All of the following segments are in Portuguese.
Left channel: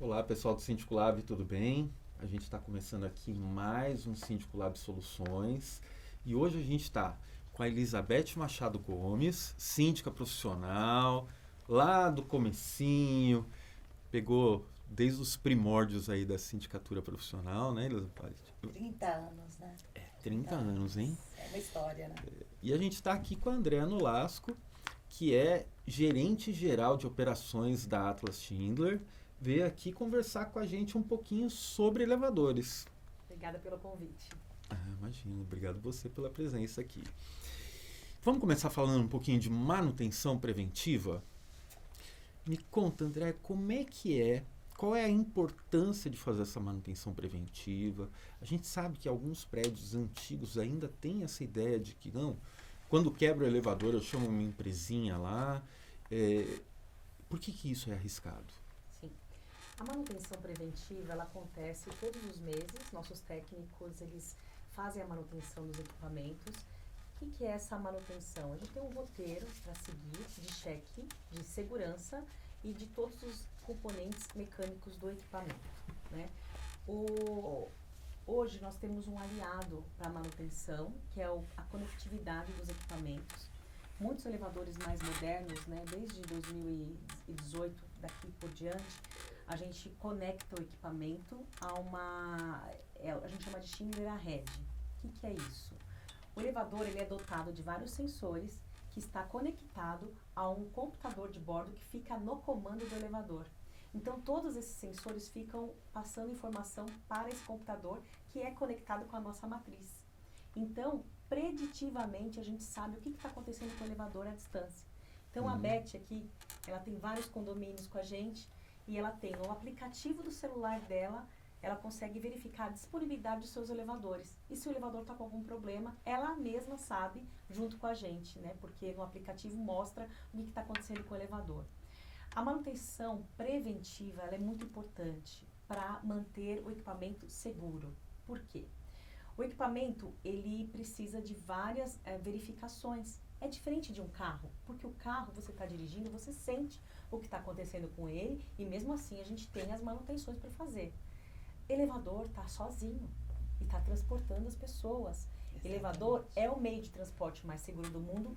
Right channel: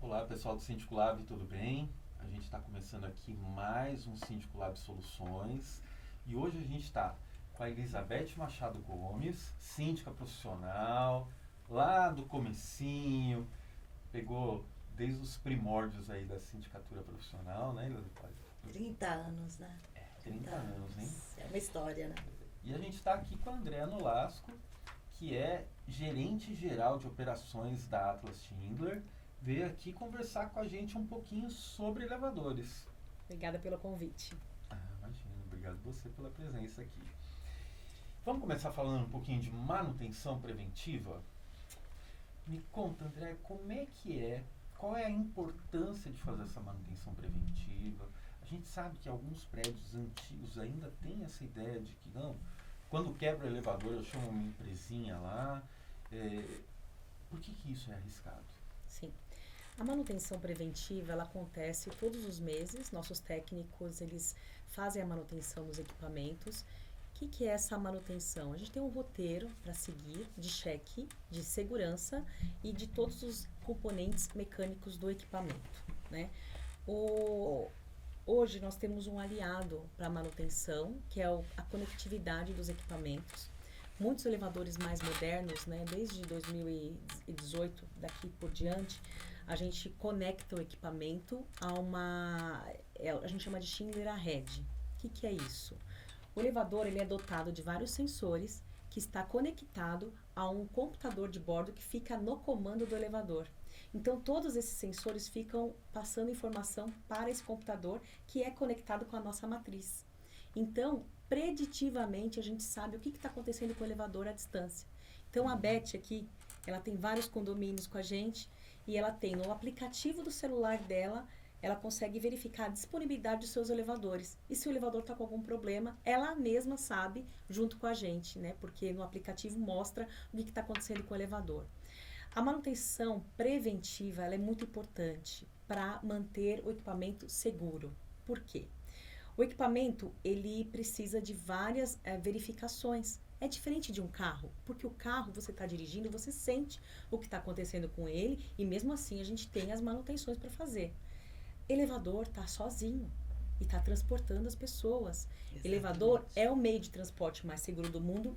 Olá pessoal do Síndico Lab, tudo bem? A gente está começando aqui mais um Síndico Lab Soluções e hoje a gente está com a Elizabeth Machado Gomes, síndica profissional, lá do comecinho, pegou desde os primórdios aí da sindicatura profissional, né, Elizabeth? 30 anos, né? 30 anos, hein? É uma história, né? E a gente está aqui com a Andréa Nolasco, que é gerente geral de operações da Atlas Schindler, veio aqui conversar com a gente um pouquinho sobre elevadores. Obrigada pelo convite. Imagina, obrigado você pela presença aqui. Vamos começar falando um pouquinho de manutenção preventiva? Me conta, André, qual é a importância de fazer essa manutenção preventiva? A gente sabe que alguns prédios antigos ainda têm essa ideia de que não, quando quebra o elevador eu chamo uma empresinha lá. Por que isso é arriscado? Sim. A manutenção preventiva, ela acontece todos os meses. Nossos técnicos, eles fazem a manutenção dos equipamentos. O que é essa manutenção? A gente tem um roteiro para seguir de cheque, de segurança e de todos os componentes mecânicos do equipamento, né? Hoje nós temos um aliado para a manutenção, que é a conectividade dos equipamentos. Muitos elevadores mais modernos, né, desde 2018, daqui por diante, a gente conecta o equipamento a gente chama de Schindler Ahead. O que é isso? O elevador ele é dotado de vários sensores que está conectado a um computador de bordo que fica no comando do elevador. Então, todos esses sensores ficam passando informação para esse computador que é conectado com a nossa matriz. Então, preditivamente, a gente sabe o que está acontecendo com o elevador à distância. Então, a Beth aqui, ela tem vários condomínios com a gente e ela tem no aplicativo do celular dela, ela consegue verificar a disponibilidade dos seus elevadores. E se o elevador está com algum problema, ela mesma sabe junto com a gente, né? Porque no aplicativo mostra o que está acontecendo com o elevador. A manutenção preventiva ela é muito importante para manter o equipamento seguro. Por quê? O equipamento ele precisa de várias verificações. É diferente de um carro, porque o carro você está dirigindo, você sente o que está acontecendo com ele e mesmo assim a gente tem as manutenções para fazer. Elevador está sozinho e está transportando as pessoas. Exatamente. Elevador é o meio de transporte mais seguro do mundo?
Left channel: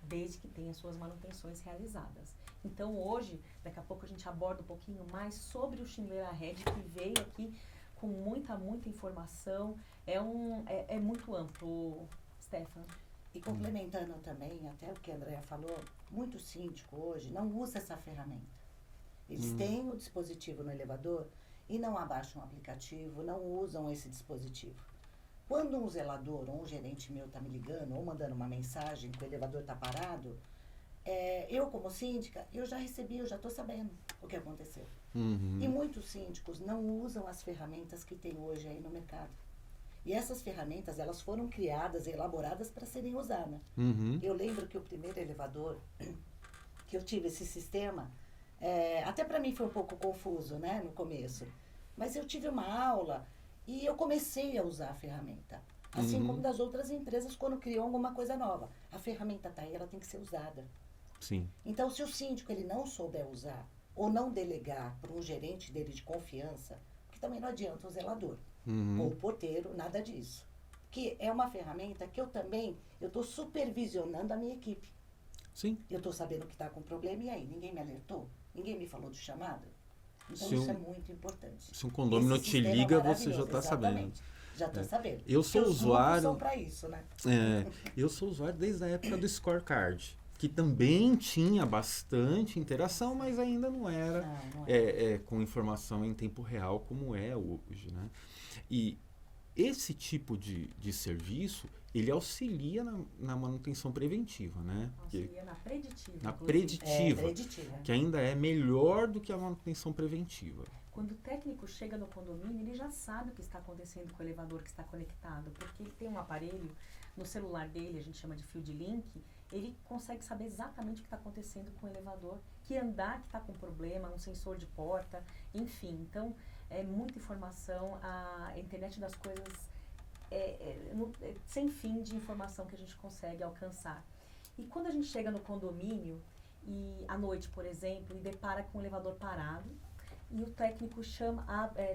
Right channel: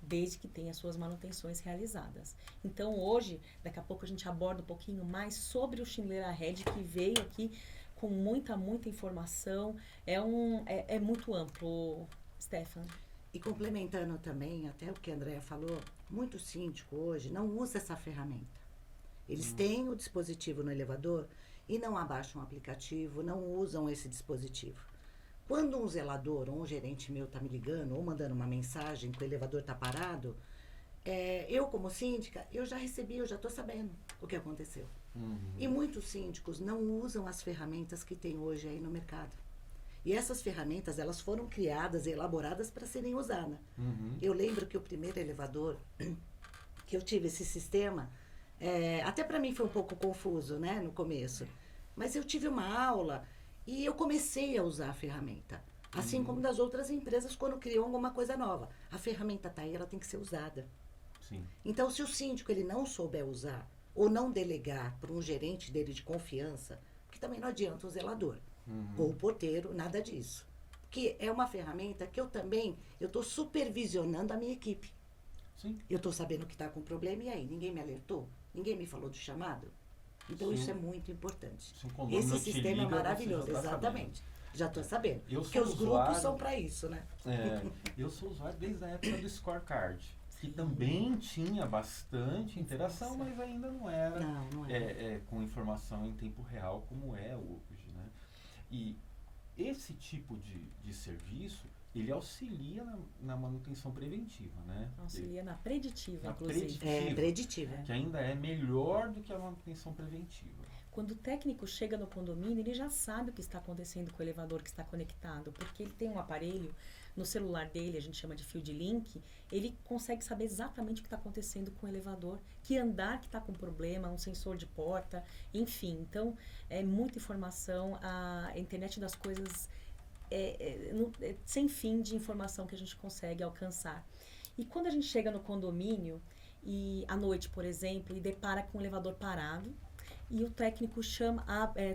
Desde que tenha suas manutenções realizadas. Então hoje, daqui a pouco a gente aborda um pouquinho mais sobre o Schindler Ahead, que veio aqui com muita informação. É muito amplo, Stefan. E complementando também, até o que a Andrea falou, muito síndico hoje não usa essa ferramenta. Eles têm o dispositivo no elevador e não abaixam o aplicativo, não usam esse dispositivo. Quando um zelador ou um gerente meu está me ligando ou mandando uma mensagem que o elevador está parado, eu como síndica, eu já recebi, eu já estou sabendo o que aconteceu. E muitos síndicos não usam as ferramentas que tem hoje aí no mercado. E essas ferramentas, elas foram criadas e elaboradas para serem usadas. Eu lembro que o primeiro elevador que eu tive esse sistema, até para mim foi um pouco confuso, né, no começo. Mas eu tive uma aula e eu comecei a usar a ferramenta. Assim como das outras empresas quando criam alguma coisa nova. A ferramenta está aí, ela tem que ser usada. Sim. Então, se o síndico ele não souber usar ou não delegar para um gerente dele de confiança, que também não adianta o zelador ou o porteiro, nada disso. Que é uma ferramenta que eu estou supervisionando a minha equipe. Sim. Eu estou sabendo que está com problema e aí, ninguém me alertou? Ninguém me falou do chamado? Então isso é muito importante. Se um condomínio te liga, você já está sabendo. Já estou sabendo. Eu sou porque usuário. Os grupos são para isso, né? Eu sou usuário desde a época do scorecard, que também tinha bastante interação, mas ainda não era, com informação em tempo real como é hoje, né? E esse tipo de serviço, ele auxilia na manutenção preventiva, né? Auxilia na preditiva, na inclusive. preditiva, que ainda é melhor do que a manutenção preventiva. Quando o técnico chega no condomínio, ele já sabe o que está acontecendo com o elevador que está conectado, porque ele tem um aparelho no celular dele, a gente chama de Field Link, ele consegue saber exatamente o que está acontecendo com o elevador, que andar que está com problema, um sensor de porta, enfim. Então, é muita informação, a internet das coisas sem fim de informação que a gente consegue alcançar. E quando a gente chega no condomínio, e à noite, por exemplo, e depara com o elevador parado, e o técnico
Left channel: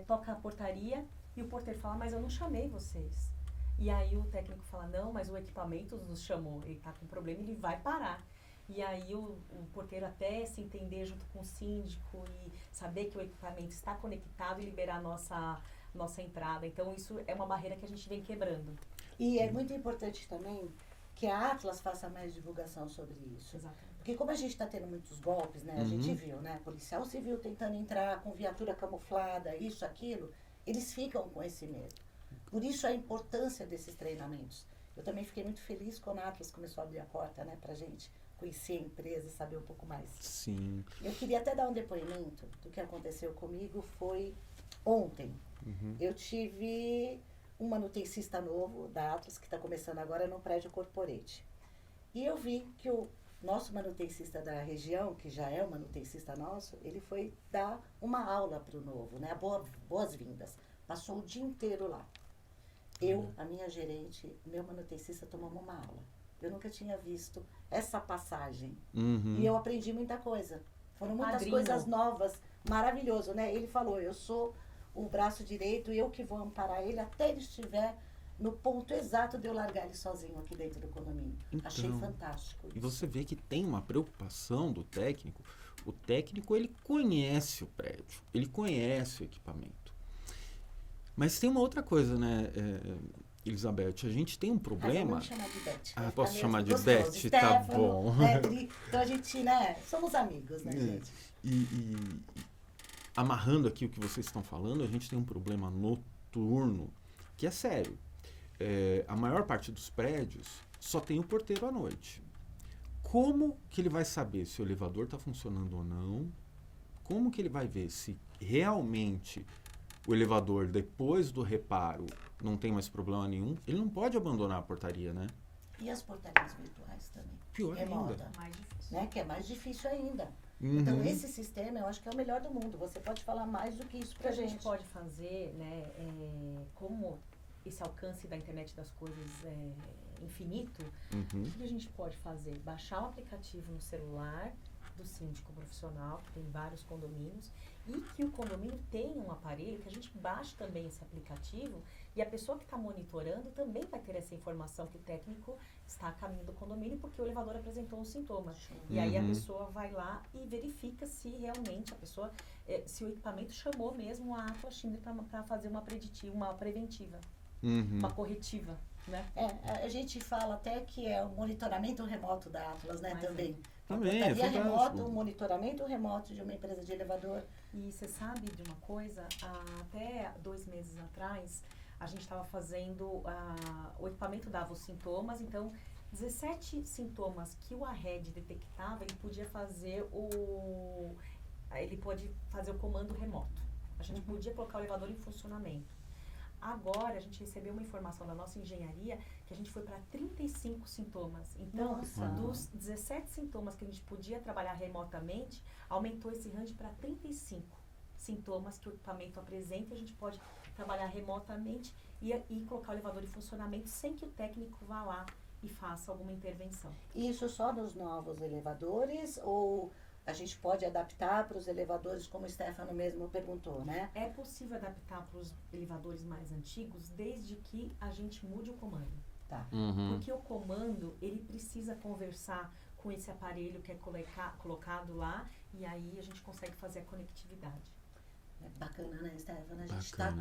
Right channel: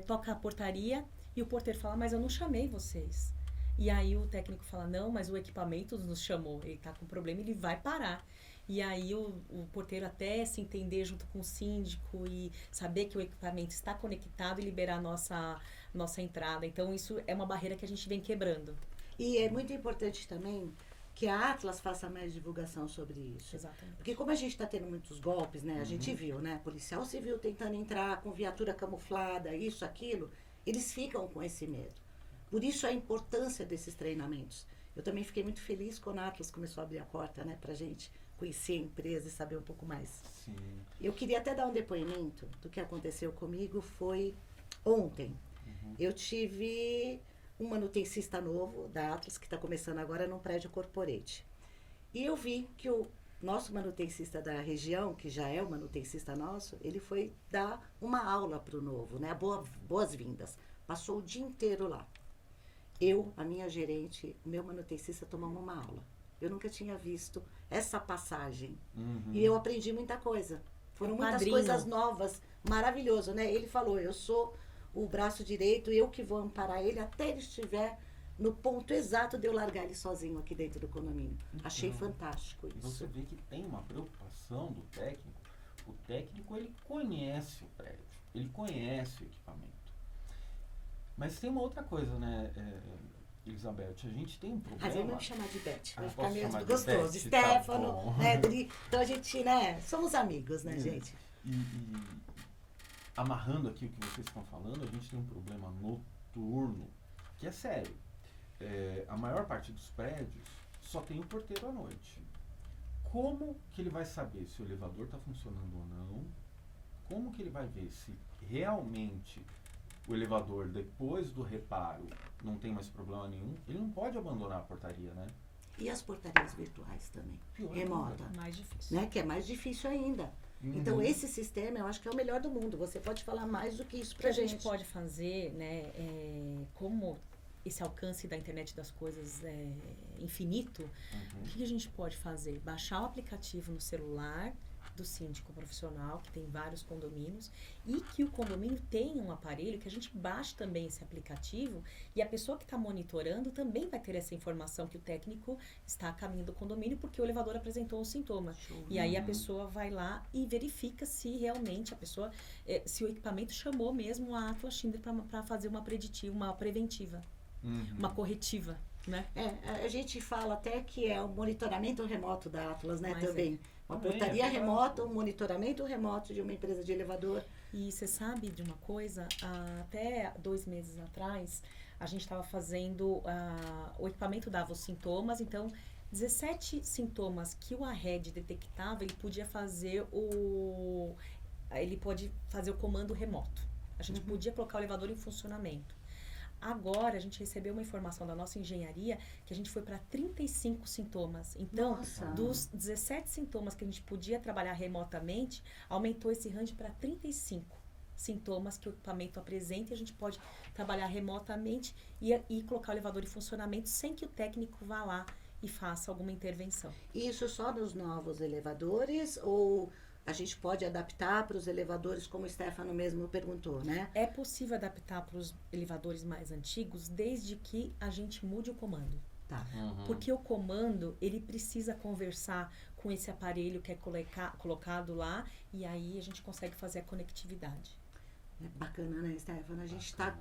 toca a portaria e o porteiro fala, mas eu não chamei vocês. E aí o técnico fala, não, mas o equipamento nos chamou, ele está com problema, ele vai parar. E aí o porteiro até se entender junto com o síndico e saber que o equipamento está conectado e liberar a nossa entrada. Então isso é uma barreira que a gente vem quebrando. E é muito importante também que a Atlas faça mais divulgação sobre isso. Exatamente. Porque como a gente está tendo muitos golpes, né? A gente viu, né? Policial civil tentando entrar com viatura camuflada, isso, aquilo, eles ficam com esse medo. Por isso a importância desses treinamentos. Eu também fiquei muito feliz quando a Atlas começou a abrir a porta, né? Pra gente conhecer a empresa e saber um pouco mais. Sim. Eu queria até dar um depoimento do que aconteceu comigo, foi ontem. Eu tive um manutencista novo da Atlas, que está começando agora no prédio Corporate. E eu vi que o nosso manutencista da região, que já é o manutencista nosso, ele foi dar uma aula para o novo, né? Boas-vindas. Passou o dia inteiro lá. Eu, a minha gerente, meu manutencista, tomamos uma aula. Eu nunca tinha visto essa passagem. E eu aprendi muita coisa. Foram muitas coisas novas, maravilhoso, né? Ele falou, eu sou o braço direito, eu que vou amparar ele até ele estiver no ponto exato de eu largar ele sozinho aqui dentro do condomínio. Então, achei fantástico isso. E você vê que tem uma preocupação do técnico. O técnico, ele conhece o prédio, ele conhece o equipamento. Mas tem uma outra coisa, né, Elizabeth? A gente tem um problema... Vamos chamar de Beth. Posso chamar de gostoso. Beth? Stefano, Tá bom. né? Então a gente, né, somos amigos, né, gente? E amarrando aqui o que vocês estão falando, a gente tem um problema noturno que é sério. A maior parte dos prédios só tem o porteiro à noite. Como que ele vai saber se o elevador está funcionando ou não? Como que ele vai ver se realmente o elevador, depois do reparo, não tem mais problema nenhum? Ele não pode abandonar a portaria, né? E as portarias virtuais também? Pior remota. ainda. Mais difícil. Né? Que é mais difícil ainda. Então, esse sistema, eu acho que é o melhor do mundo. Você pode falar mais do que isso O que pra a gente gente. pode fazer, né, como esse alcance da internet das coisas é infinito, o que a gente pode fazer? Baixar o aplicativo no celular do síndico profissional, que tem vários condomínios, e que o condomínio tenha um aparelho que a gente baixe também esse aplicativo e a pessoa que está monitorando também vai ter essa informação que o técnico está a caminho do condomínio porque o elevador apresentou um sintoma. E aí a pessoa vai lá e verifica se realmente a pessoa, se o equipamento chamou mesmo a Atlas Timber para fazer uma preventiva, uma corretiva, né? A gente fala até que é o monitoramento remoto da Atlas, né, Mas também. Uma Também, portaria é remota, um monitoramento remoto de uma empresa de elevador. E você sabe de uma coisa? Até 2 meses atrás, a gente estava fazendo... o equipamento dava os sintomas, então 17 sintomas que o ARRED detectava, ele podia fazer o comando remoto. A gente podia colocar o elevador em funcionamento. Agora, a gente recebeu uma informação da nossa engenharia que a gente foi para 35 sintomas. Então, dos 17 sintomas que a gente podia trabalhar remotamente, aumentou esse range para 35 sintomas que o equipamento apresenta e a gente pode trabalhar remotamente e colocar o elevador em funcionamento sem que o técnico vá lá e faça alguma intervenção. Isso só nos novos elevadores ou a gente pode adaptar para os elevadores, como o Stefano mesmo perguntou, né? É possível adaptar para os elevadores mais antigos desde que a gente mude o comando. Tá. Porque o comando, ele precisa conversar com esse aparelho que é colocado lá e aí a gente consegue fazer a conectividade. É bacana, né, Stefano? A gente está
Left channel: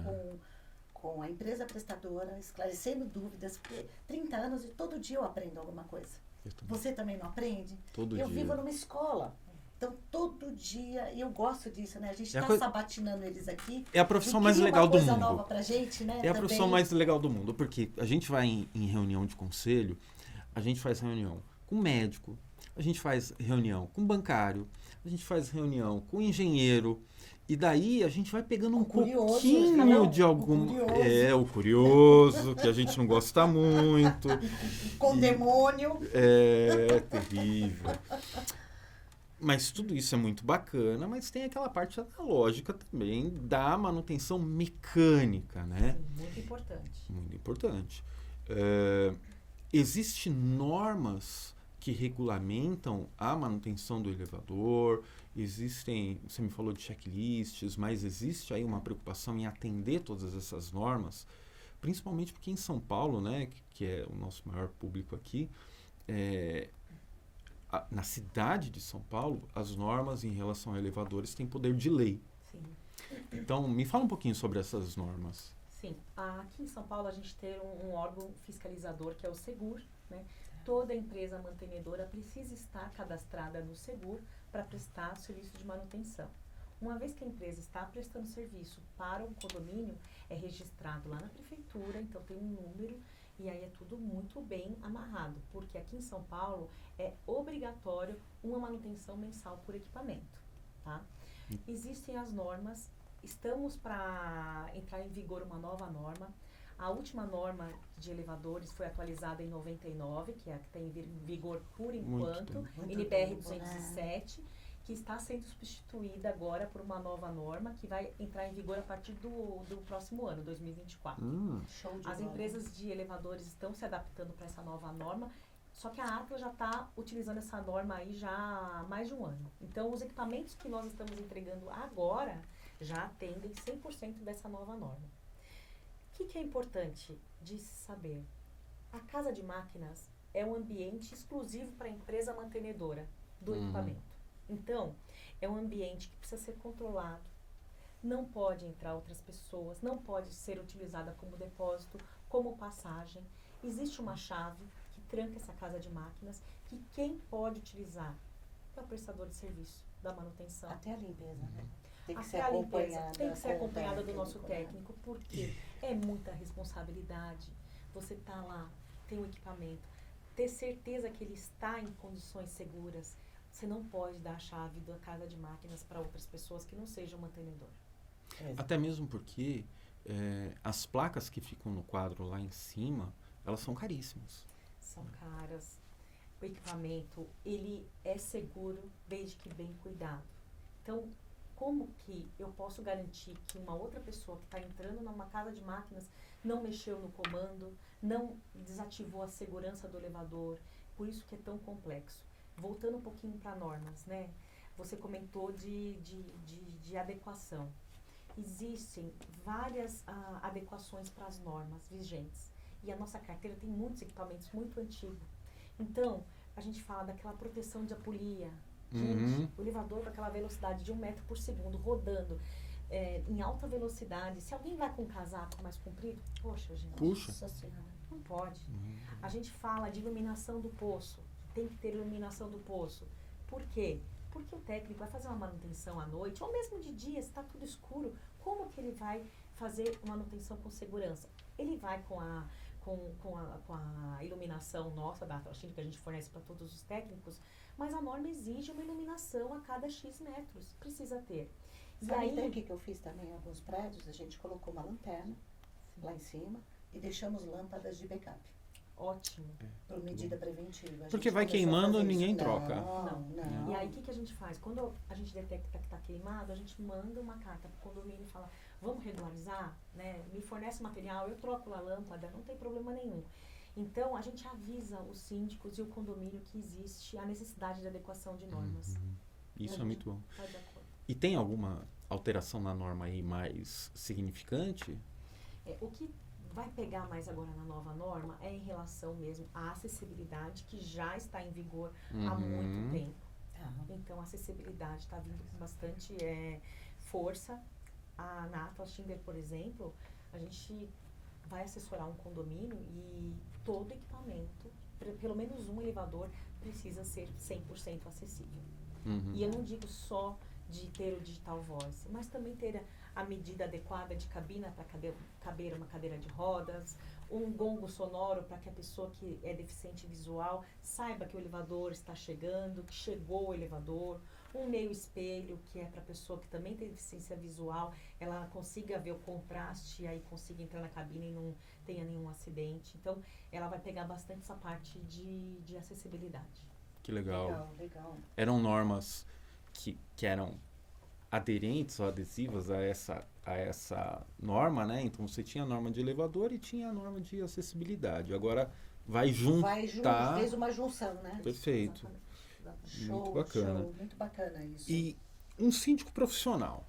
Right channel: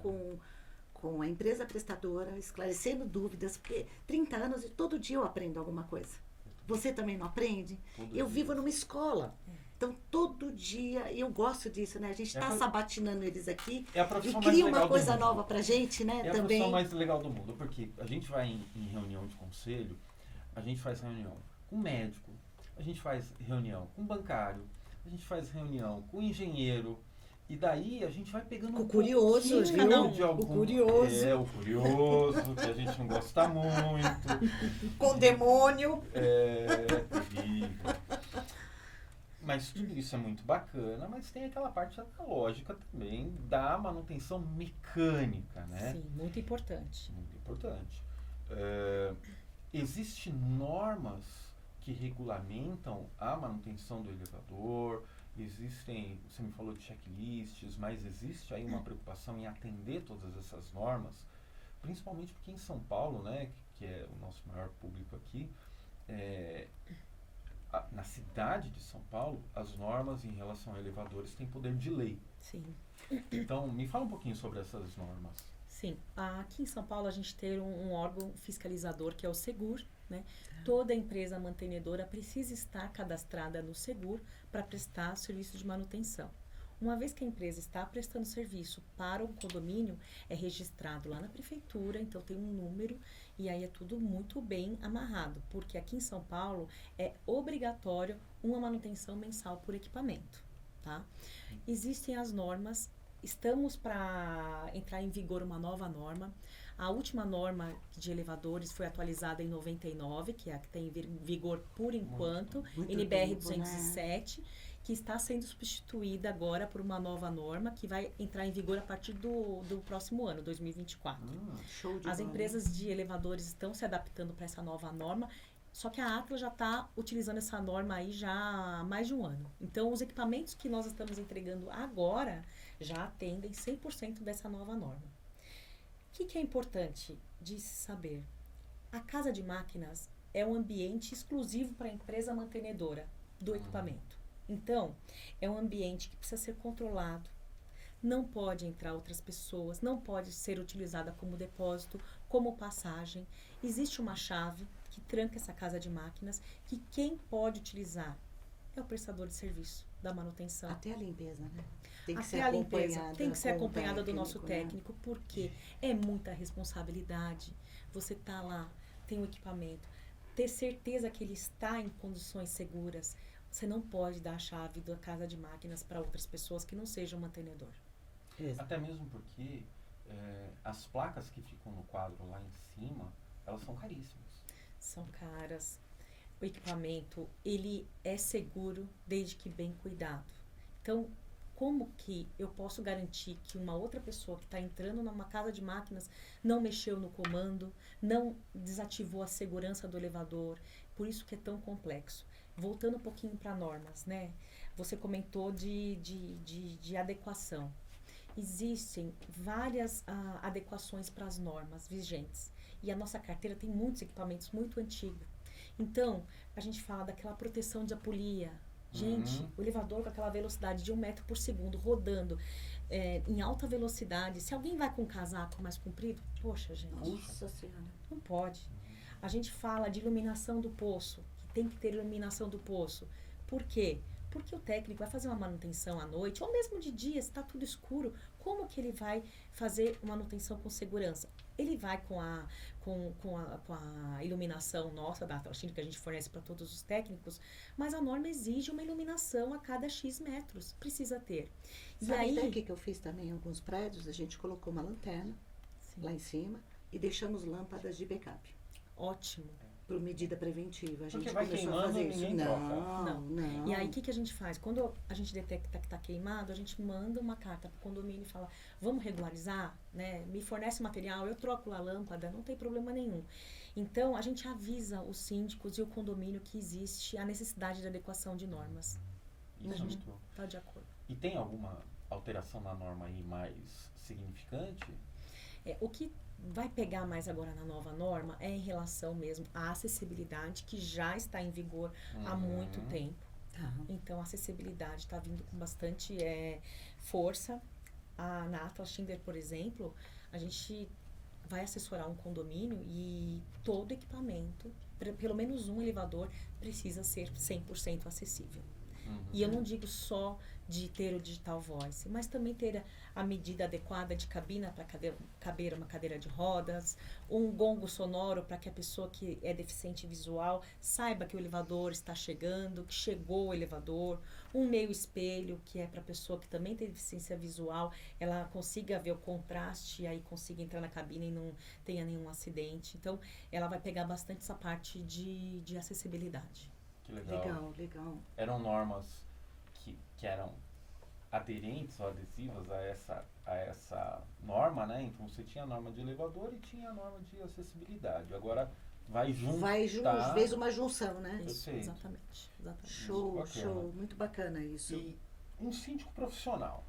com a empresa prestadora esclarecendo dúvidas, porque 30 anos e todo dia eu aprendo alguma coisa. Você também não aprende? Eu vivo numa escola. Então, todo dia, e eu gosto disso, né? A gente está sabatinando eles aqui. É a profissão mais legal do mundo. Uma coisa nova pra gente, né? É a profissão mais legal do mundo, porque a gente vai em reunião de conselho, a gente faz reunião com médico, a gente faz reunião com bancário, a gente faz reunião com engenheiro, e daí a gente vai pegando um pouquinho de algum... O curioso, que a gente não gosta muito. Com demônio. É terrível. Mas tudo isso é muito bacana, mas tem aquela parte analógica também da manutenção mecânica, né? Sim, muito importante. Muito importante. Existem normas que regulamentam a manutenção do elevador, Existem, você me falou de checklists, mas existe aí uma preocupação em atender todas essas normas, principalmente porque em São Paulo, né, que é o nosso maior público aqui, na cidade de São Paulo, as normas em relação a elevadores têm poder de lei. Sim. Então, me fala um pouquinho sobre essas normas. Sim. Aqui em São Paulo, a gente tem um órgão fiscalizador, que é o Segur, né? Toda empresa mantenedora precisa estar cadastrada no Segur para prestar serviço de manutenção. Uma vez que a empresa está prestando serviço para o condomínio, é registrado lá na prefeitura, então tem um número e aí é tudo muito bem amarrado, porque aqui em São Paulo é obrigatório uma manutenção mensal por equipamento, tá? Existem as normas, estamos para entrar em vigor uma nova norma. A última norma de elevadores foi atualizada em 99, que é a que tem em vigor por enquanto, NBR 207, que está sendo substituída agora por uma nova norma que vai entrar em vigor a partir do próximo ano, 2024. Show de As bola. empresas de elevadores estão se adaptando para essa nova norma, só que a Atlas já está utilizando essa norma aí já há mais de um ano. Então, os equipamentos que nós estamos entregando agora já atendem 100% dessa nova norma. O que é importante de se saber? A casa de máquinas é um ambiente exclusivo para a empresa mantenedora do equipamento. Então, é um ambiente que precisa ser controlado, não pode entrar outras pessoas, não pode ser utilizada como depósito, como passagem. Existe uma chave que tranca essa casa de máquinas, que quem pode utilizar é o prestador de serviço da manutenção. Até a limpeza, né? Tem que Até ser a limpeza acompanhada tem que ser com o acompanhada do nosso né? técnico, porque é muita responsabilidade. Você tá lá, tem o equipamento, ter certeza que ele está em condições seguras. Você não pode dar a chave da casa de máquinas para outras pessoas que não sejam mantenedor. Até mesmo porque as placas que ficam no quadro lá em cima, elas são caríssimas. São caras. O equipamento, ele é seguro desde que bem cuidado. Então, como que eu posso garantir que uma outra pessoa que está entrando numa casa de máquinas não mexeu no comando, não desativou a segurança do elevador? Por isso que é tão complexo. Voltando um pouquinho para normas, né? Você comentou de adequação. Existem várias adequações para as normas vigentes. E a nossa carteira tem muitos equipamentos muito antigos. Então, a gente fala daquela proteção de apolia. Gente, o elevador com aquela velocidade de 1 metro por segundo, rodando em alta velocidade. Se alguém vai com um casaco mais comprido, poxa, gente. Nossa Senhora. Não pode. A gente fala de iluminação do poço. Tem que ter iluminação do poço. Por quê? Porque o técnico vai fazer uma manutenção à noite, ou mesmo de dia, se está tudo escuro, como que ele vai fazer manutenção com segurança? Ele vai com a iluminação nossa, da Atlas, que a gente fornece para todos os técnicos, mas a norma exige uma iluminação a cada X metros. Precisa ter. E Sabe aí, até o que eu fiz também em alguns prédios? A gente colocou uma lanterna lá em cima e deixamos lâmpadas de backup. ótimo. Por medida preventiva. A Porque gente vai começou a queimando fazer e ninguém isso. troca. Não. E aí, o que a gente faz? Quando a gente detecta que está queimado, a gente manda uma carta para o condomínio e fala, vamos regularizar, né? Me fornece material, eu troco a lâmpada, não tem problema nenhum. Então, a gente avisa os síndicos e o condomínio que existe a necessidade de adequação de normas. Isso é muito bom. Está de acordo. E tem alguma alteração na norma aí mais significante? O que vai pegar mais agora na nova norma é em relação mesmo à acessibilidade, que já está em vigor há muito tempo. Então, a acessibilidade está vindo com bastante força. Na Atlas Schindler, por exemplo, a gente vai assessorar um condomínio e todo equipamento, pelo menos um elevador, precisa ser 100% acessível. E eu não digo só de ter o digital voice, mas também ter a medida adequada de cabina para caber uma cadeira de rodas, um gongo sonoro para que a pessoa que é deficiente visual saiba que o elevador está chegando, que chegou o elevador, um meio espelho, que é para a pessoa que também tem deficiência visual, ela consiga ver o contraste e aí consiga entrar na cabine e não tenha nenhum acidente. Então, ela vai pegar bastante essa parte de acessibilidade. Que legal. Legal. Eram normas que eram aderentes ou adesivas a essa norma, né? Então você tinha a norma de elevador e tinha a norma de acessibilidade. Agora vai juntar. Fez uma junção, né? Perfeito. Exatamente. Show, Muito bacana. show. Muito bacana isso. E um síndico profissional,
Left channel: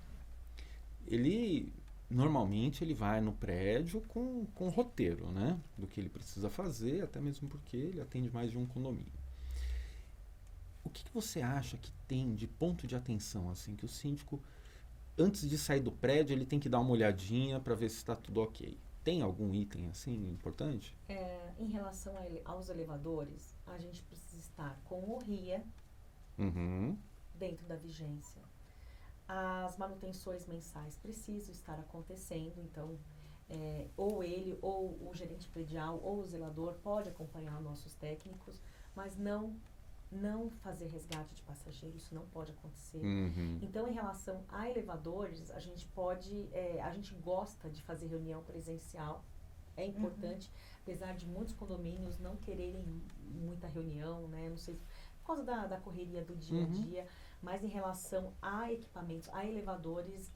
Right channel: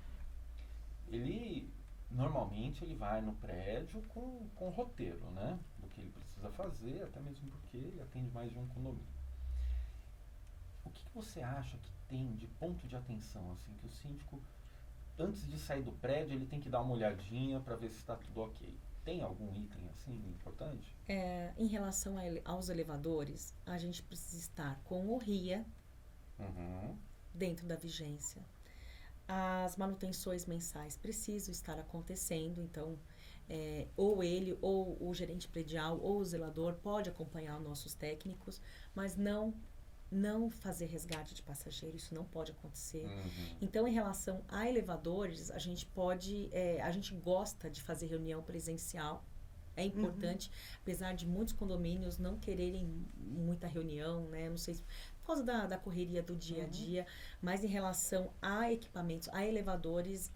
ele normalmente ele vai no prédio com roteiro, né? Do que ele precisa fazer, até mesmo porque ele atende mais de um condomínio. O que você acha que tem de ponto de atenção, assim, que o síndico, antes de sair do prédio, ele tem que dar uma olhadinha para ver se está tudo ok? Tem algum item, assim, importante? Em relação aos elevadores, a gente precisa estar com o RIA Uhum. dentro da vigência. As manutenções mensais precisam estar acontecendo, então ou ele, ou o gerente predial, ou o zelador pode acompanhar nossos técnicos, mas não fazer resgate de passageiro, isso não pode acontecer. Uhum. Então, em relação a elevadores, a gente gosta de fazer reunião presencial, é importante, apesar de muitos condomínios não quererem muita reunião, né, não sei, por causa da correria do dia a dia, mas em relação a equipamentos, a elevadores,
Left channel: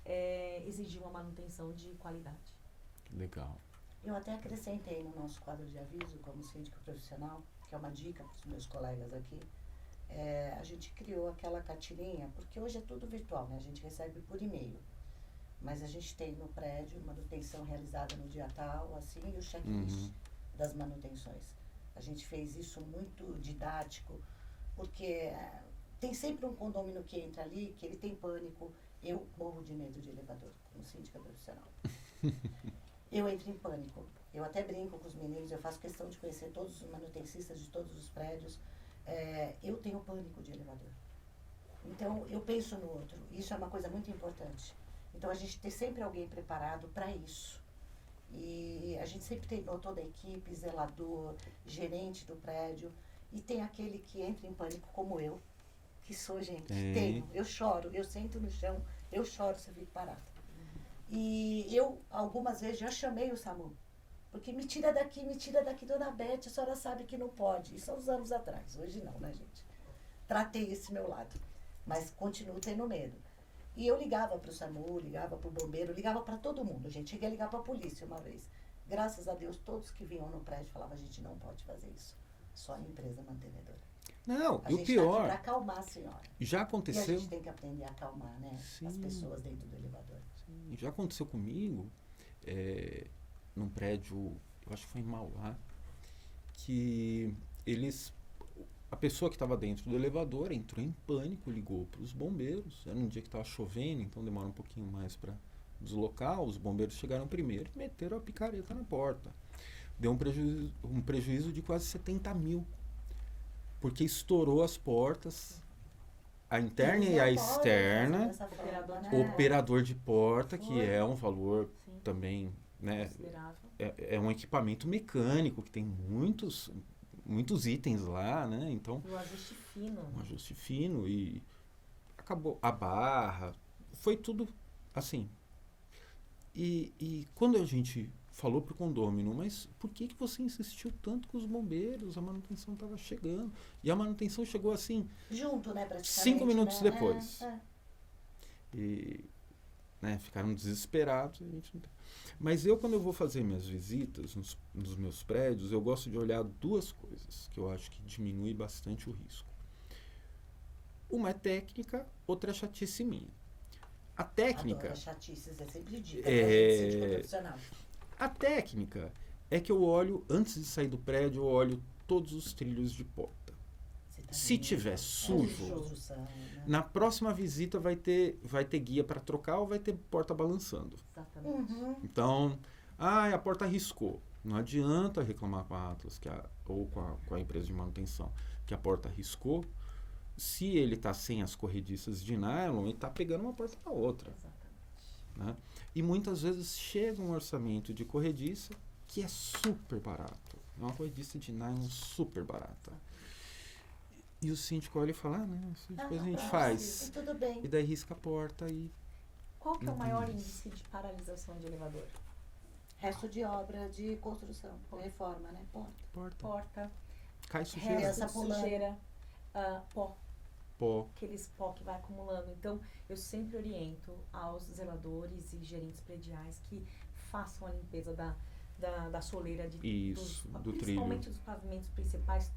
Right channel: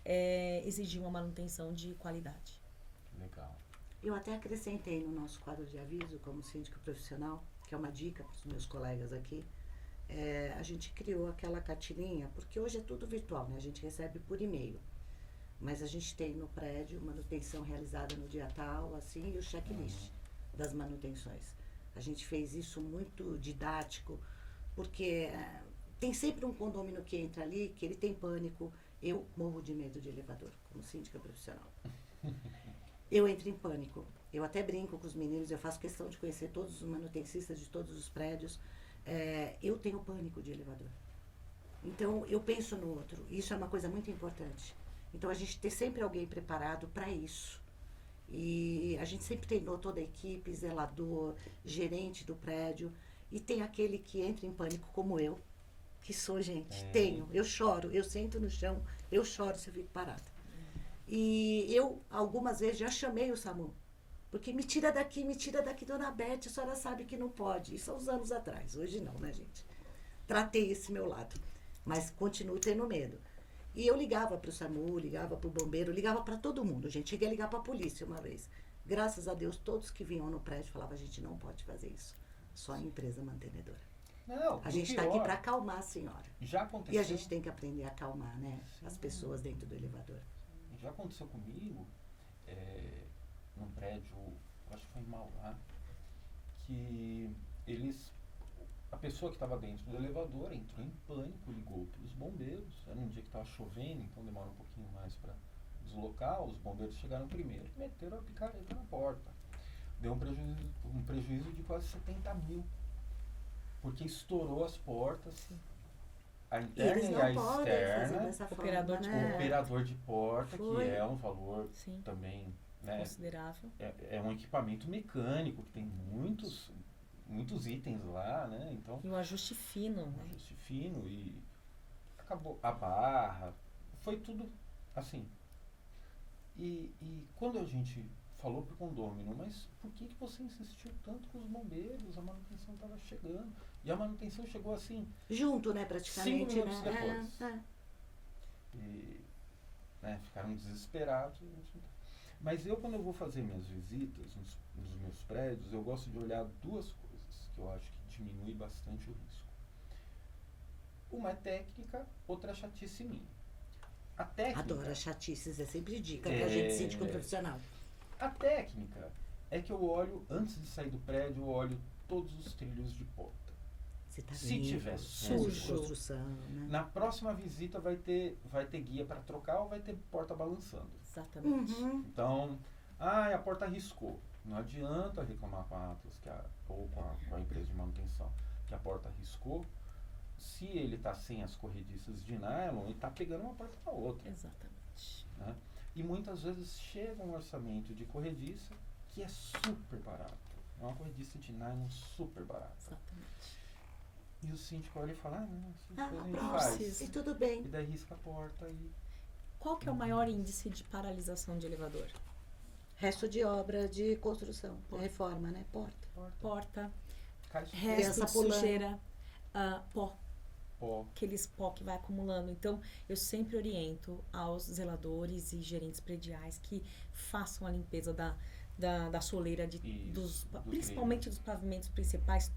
exigir uma manutenção de qualidade. Legal. Eu até acrescentei no nosso quadro de aviso, como síndico profissional, que é uma dica para os meus colegas aqui, a gente criou aquela cartilinha, porque hoje é tudo virtual, né? A gente recebe por e-mail. Mas a gente tem no prédio manutenção realizada no dia tal, assim, e o checklist das manutenções. A gente fez isso muito didático, porque tem sempre um condomínio que entra ali, que ele tem pânico. Eu morro de medo de elevador, como síndica profissional. Eu entro em pânico. Eu até brinco com os meninos, eu faço questão de conhecer todos os manutencistas de todos os prédios. Eu tenho pânico de elevador. Então, eu penso no outro. Isso é uma coisa muito importante. Então, a gente tem sempre alguém preparado para isso. E a gente sempre treinou toda a equipe, zelador, gerente do prédio. E tem aquele que entra em pânico como eu, que sou, gente. Tenho. Eu choro, eu sento no chão, eu choro se eu fico parada. E eu, algumas vezes, já chamei o SAMU. Porque me tira daqui, dona Beth, a senhora sabe que não pode. Isso há uns anos atrás, hoje não, né, gente? Tratei esse meu lado, mas continuo tendo medo. E eu ligava para o SAMU, ligava para o bombeiro, ligava para todo mundo, gente. Cheguei a ligar para a polícia uma vez. Graças a Deus, todos que vinham no prédio falavam, a gente não pode fazer isso. Só a empresa mantenedora. Não, A e o gente está aqui pior, para acalmar a senhora. já E aconteceu... a gente tem que aprender a acalmar, né? Sim. As pessoas dentro do elevador. Já aconteceu comigo, num prédio, eu acho que foi em Mauá, que a pessoa que estava dentro do elevador entrou em pânico, ligou para os bombeiros. Era um dia que estava chovendo, então demora um pouquinho mais para deslocar. Os bombeiros chegaram primeiro e meteram a picareta na porta. Deu um prejuízo de quase 70 mil, porque estourou as portas, a interna e a externa. Operador de porta, que é um valor também, né, considerável. É um equipamento mecânico que tem muitos itens lá, né? Então, E o ajuste fino. um ajuste fino e acabou a barra, foi tudo assim. E quando a gente falou pro condômino, mas por que você insistiu tanto com os bombeiros? A manutenção estava chegando. E a manutenção chegou assim... Junto, né, praticamente. 5 minutos né? depois. E, né, ficaram desesperados. Mas quando eu vou fazer minhas visitas nos meus prédios, eu gosto de olhar duas coisas que eu acho que diminui bastante o risco. Uma é técnica, outra é chatice minha. A técnica... Adoro chatices, é sempre dica pra gente, síndico profissional. A técnica é que eu olho, antes de sair do prédio, eu olho todos os trilhos de porta. Se tiver sujo, né? na próxima visita vai ter guia para trocar ou vai ter porta balançando. Exatamente. Então, a porta riscou. Não adianta reclamar com a Atlas ou com a empresa de manutenção que a porta riscou. Se ele está sem as corrediças de nylon, ele está pegando uma porta para outra. Exatamente. Né? E muitas vezes chega um orçamento de corrediça que é super barato. É uma corrediça de nylon super barata. Exatamente. E o síndico olha e fala, depois a gente faz. E tudo bem. E daí risca a porta e... Qual que é o maior índice de paralisação de elevador? Resto de obra de construção, de reforma, né? Porta. Cai sujeira. Resto de sujeira, pó. Pó. Aqueles pó que vai acumulando. Então, eu sempre oriento aos zeladores e gerentes prediais que façam a limpeza da soleira, Isso, do principalmente trilho. dos pavimentos principais,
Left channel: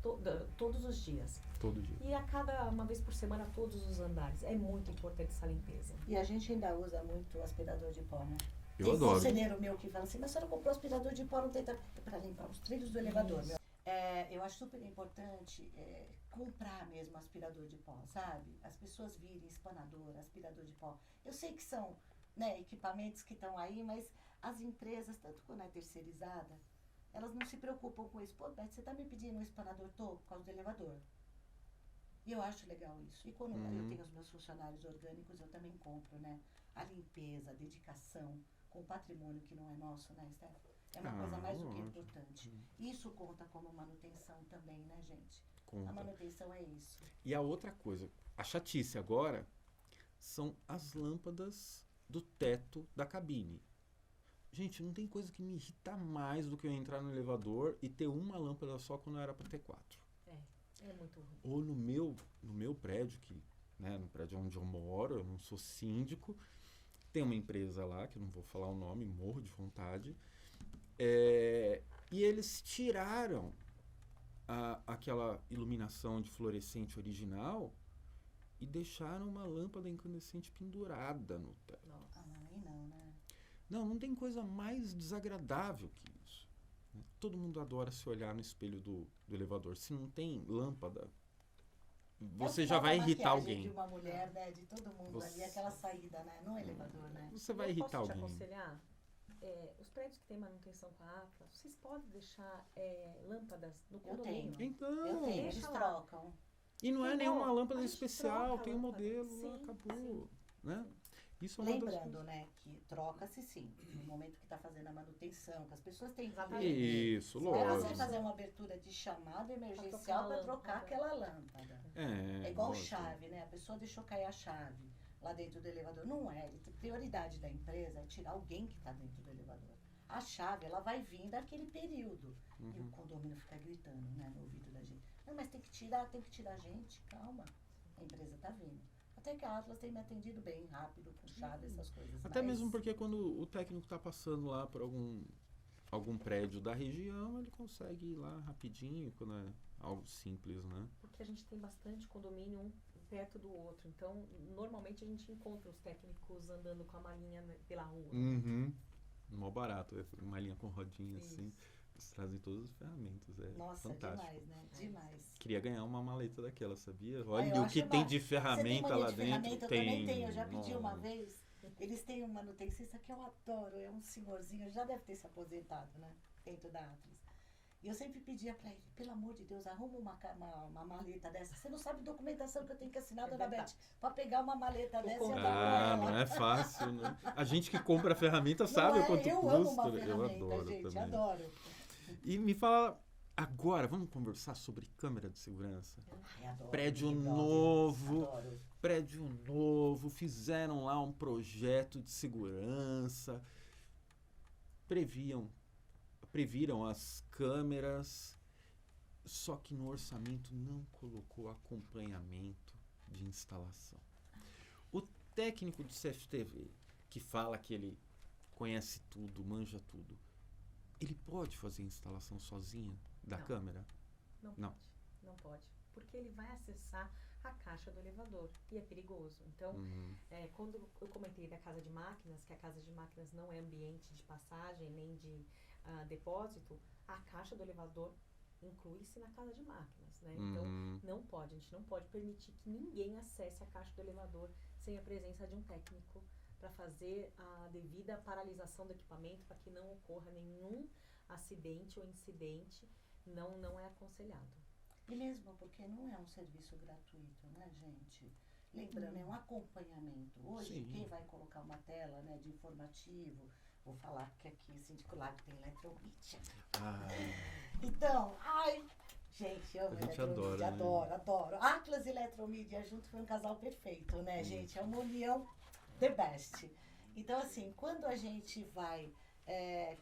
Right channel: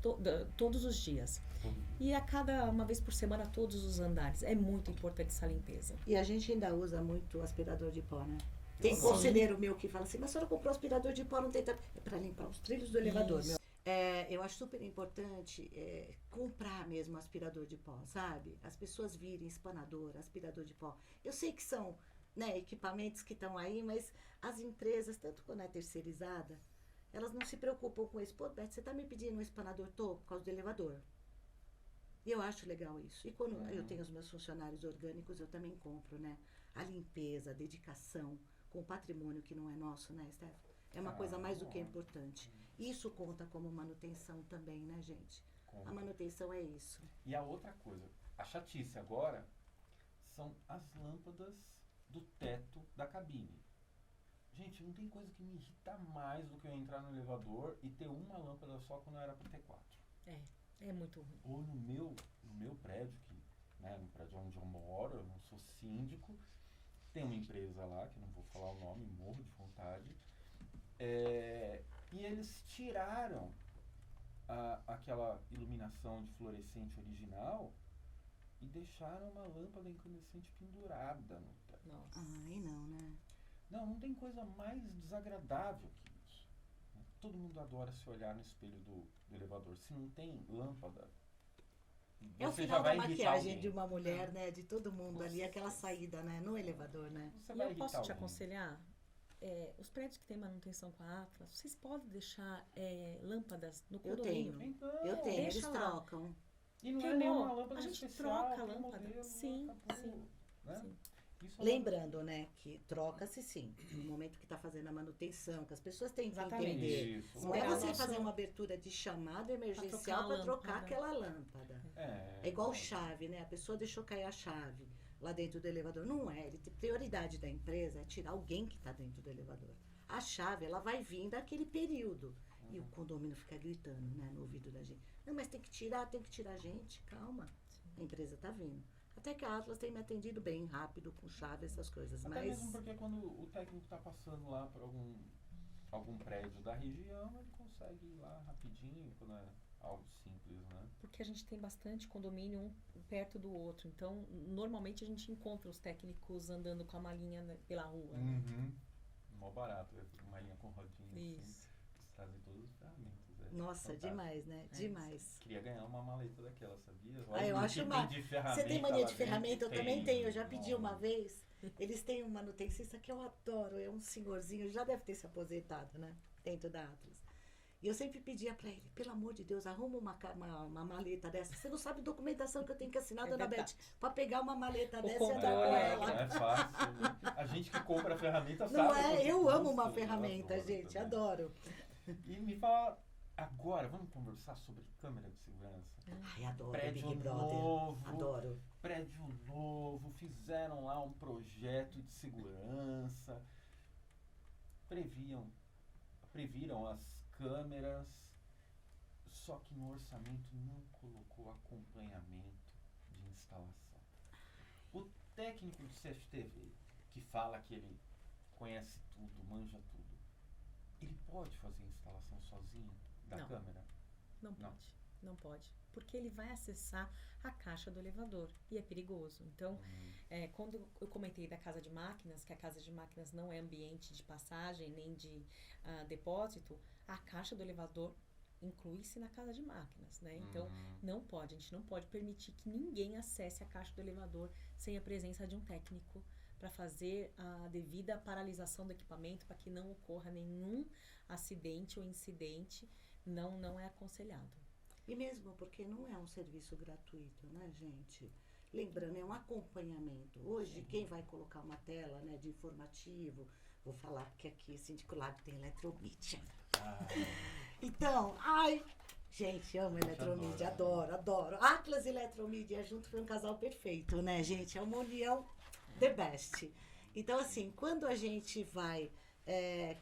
todos os dias. Todo dia. E uma vez por semana, todos os andares. É muito importante essa limpeza. E a gente ainda usa muito aspirador de pó, né? Eu Tem adoro. conselheiro meu que fala assim, mas a senhora comprou aspirador de pó, não tem para limpar os trilhos do elevador, Isso. meu. Eu acho super importante comprar mesmo aspirador de pó, sabe? As pessoas virem espanador, aspirador de pó. Eu sei que são, né, equipamentos que estão aí, mas as empresas, tanto quando é terceirizada, elas não se preocupam com isso. Pô, Beth, você está me pedindo um espanador? Tô, por causa do elevador. E eu acho legal isso. E quando eu tenho os meus funcionários orgânicos, eu também compro, né? A limpeza, a dedicação com o patrimônio que não é nosso, né, Steph? É uma coisa mais do que lógico. importante. Isso conta como manutenção também, né, gente? Conta. A manutenção é isso. E a outra coisa, a chatice agora são as lâmpadas do teto da cabine. Gente, não tem coisa que me irrita mais do que eu entrar no elevador e ter uma lâmpada só quando era para ter 4. É muito ruim. Ou no meu prédio, né, no prédio onde eu moro, eu não sou síndico, tem uma empresa lá, que eu não vou falar o nome, morro de vontade, e eles tiraram aquela iluminação de fluorescente original e deixaram uma lâmpada incandescente pendurada no teto. Nossa. Ai, não, né? Não tem coisa mais desagradável que isso. Todo mundo adora se olhar no espelho do elevador. Se não tem lâmpada, você já vai irritar alguém. De uma mulher, né? De todo mundo ali, aquela saída, né? No elevador, né? Você vai irritar posso alguém. te aconselhar? Os prédios que têm manutenção com a Atlas, vocês podem deixar lâmpadas no condomínio. Então, Eu tenho, deixa eles lá. trocam. e não é Quem nenhuma não? lâmpada A gente especial, troca a tem um lâmpada. modelo, Sim, acabou. sim, Né? sim. Isso é uma das- Lembrando, né, que troca-se sim, no momento que está fazendo a manutenção, que as pessoas têm que Exatamente. entender. Isso, Não é você lógico. fazer uma abertura de chamada trocar emergencial a para trocar lâmpada. aquela lâmpada. É igual lógico. chave, né? A pessoa deixou cair a chave lá dentro do elevador. Não é. A prioridade da empresa é tirar alguém que está dentro do elevador. A chave, ela vai vir daquele período. E o condomínio fica gritando, né, no ouvido da gente. Não, mas tem que tirar gente. Calma. A empresa está vindo. Até que a Atlas tem me atendido bem, rápido, com chave, essas coisas. Até mas mesmo porque quando o técnico está passando lá por algum prédio da região, ele consegue ir lá rapidinho, quando é algo simples, né? Porque a gente tem bastante condomínio um perto do outro. Então, normalmente a gente encontra os técnicos andando com a malinha pela rua. Mó barato, uma linha com rodinha assim. Isso. Eles trazem todas as ferramentas. Nossa, fantástico. demais, né? Demais. Queria ganhar uma maleta daquela, sabia? Ah, Olha eu o acho que uma- tem de Você ferramenta tem mania lá de dentro. ferramenta? Eu também tenho. Eu já Tem. pedi uma vez. Eles têm um manutencista que eu adoro. É um senhorzinho, já deve ter se aposentado, né? Dentro da Atlas. E eu sempre pedia pra ele, pelo amor de Deus, arruma uma maleta dessa. Você não sabe a documentação que eu tenho que assinar, dona verdade. Beth, pra pegar uma maleta dessa e contato. andar com Não ela. é fácil, né? A gente que compra a ferramenta Não sabe é? quanto Eu custa. amo uma Eu ferramenta, adoro gente. também. Adoro. E me fala, agora, vamos conversar sobre câmera de segurança? Ai, adoro. Prédio Big Brother. novo. Adoro. Prédio novo, fizeram lá um projeto de segurança, previram as câmeras, só que no orçamento não colocou acompanhamento de instalação. O técnico do CFTV, que fala que ele conhece tudo, manja tudo, ele pode fazer a instalação sozinho da Não. câmera? Não Não. pode. Não pode. Porque ele vai acessar a caixa do elevador. E é perigoso. Então, quando eu comentei da casa de máquinas, que a casa de máquinas não é ambiente de passagem nem de depósito, a caixa do elevador inclui-se na casa de máquinas, né? Então, não pode. A gente não pode permitir que ninguém acesse a caixa do elevador sem a presença de um técnico para fazer a devida paralisação do equipamento para que não ocorra nenhum acidente ou incidente. Não é aconselhado. E mesmo porque não é um serviço gratuito, né, gente? Lembrando, é um acompanhamento. Hoje, Sim. quem vai colocar uma tela, né, de informativo, vou falar que aqui, Síndico Lago tem Eletromídia. Então, gente, amo A gente Eletromídia, adora, né? adoro. Atlas e Eletromídia junto foi um casal perfeito, né, gente? É uma união the best. Então, assim, quando a gente vai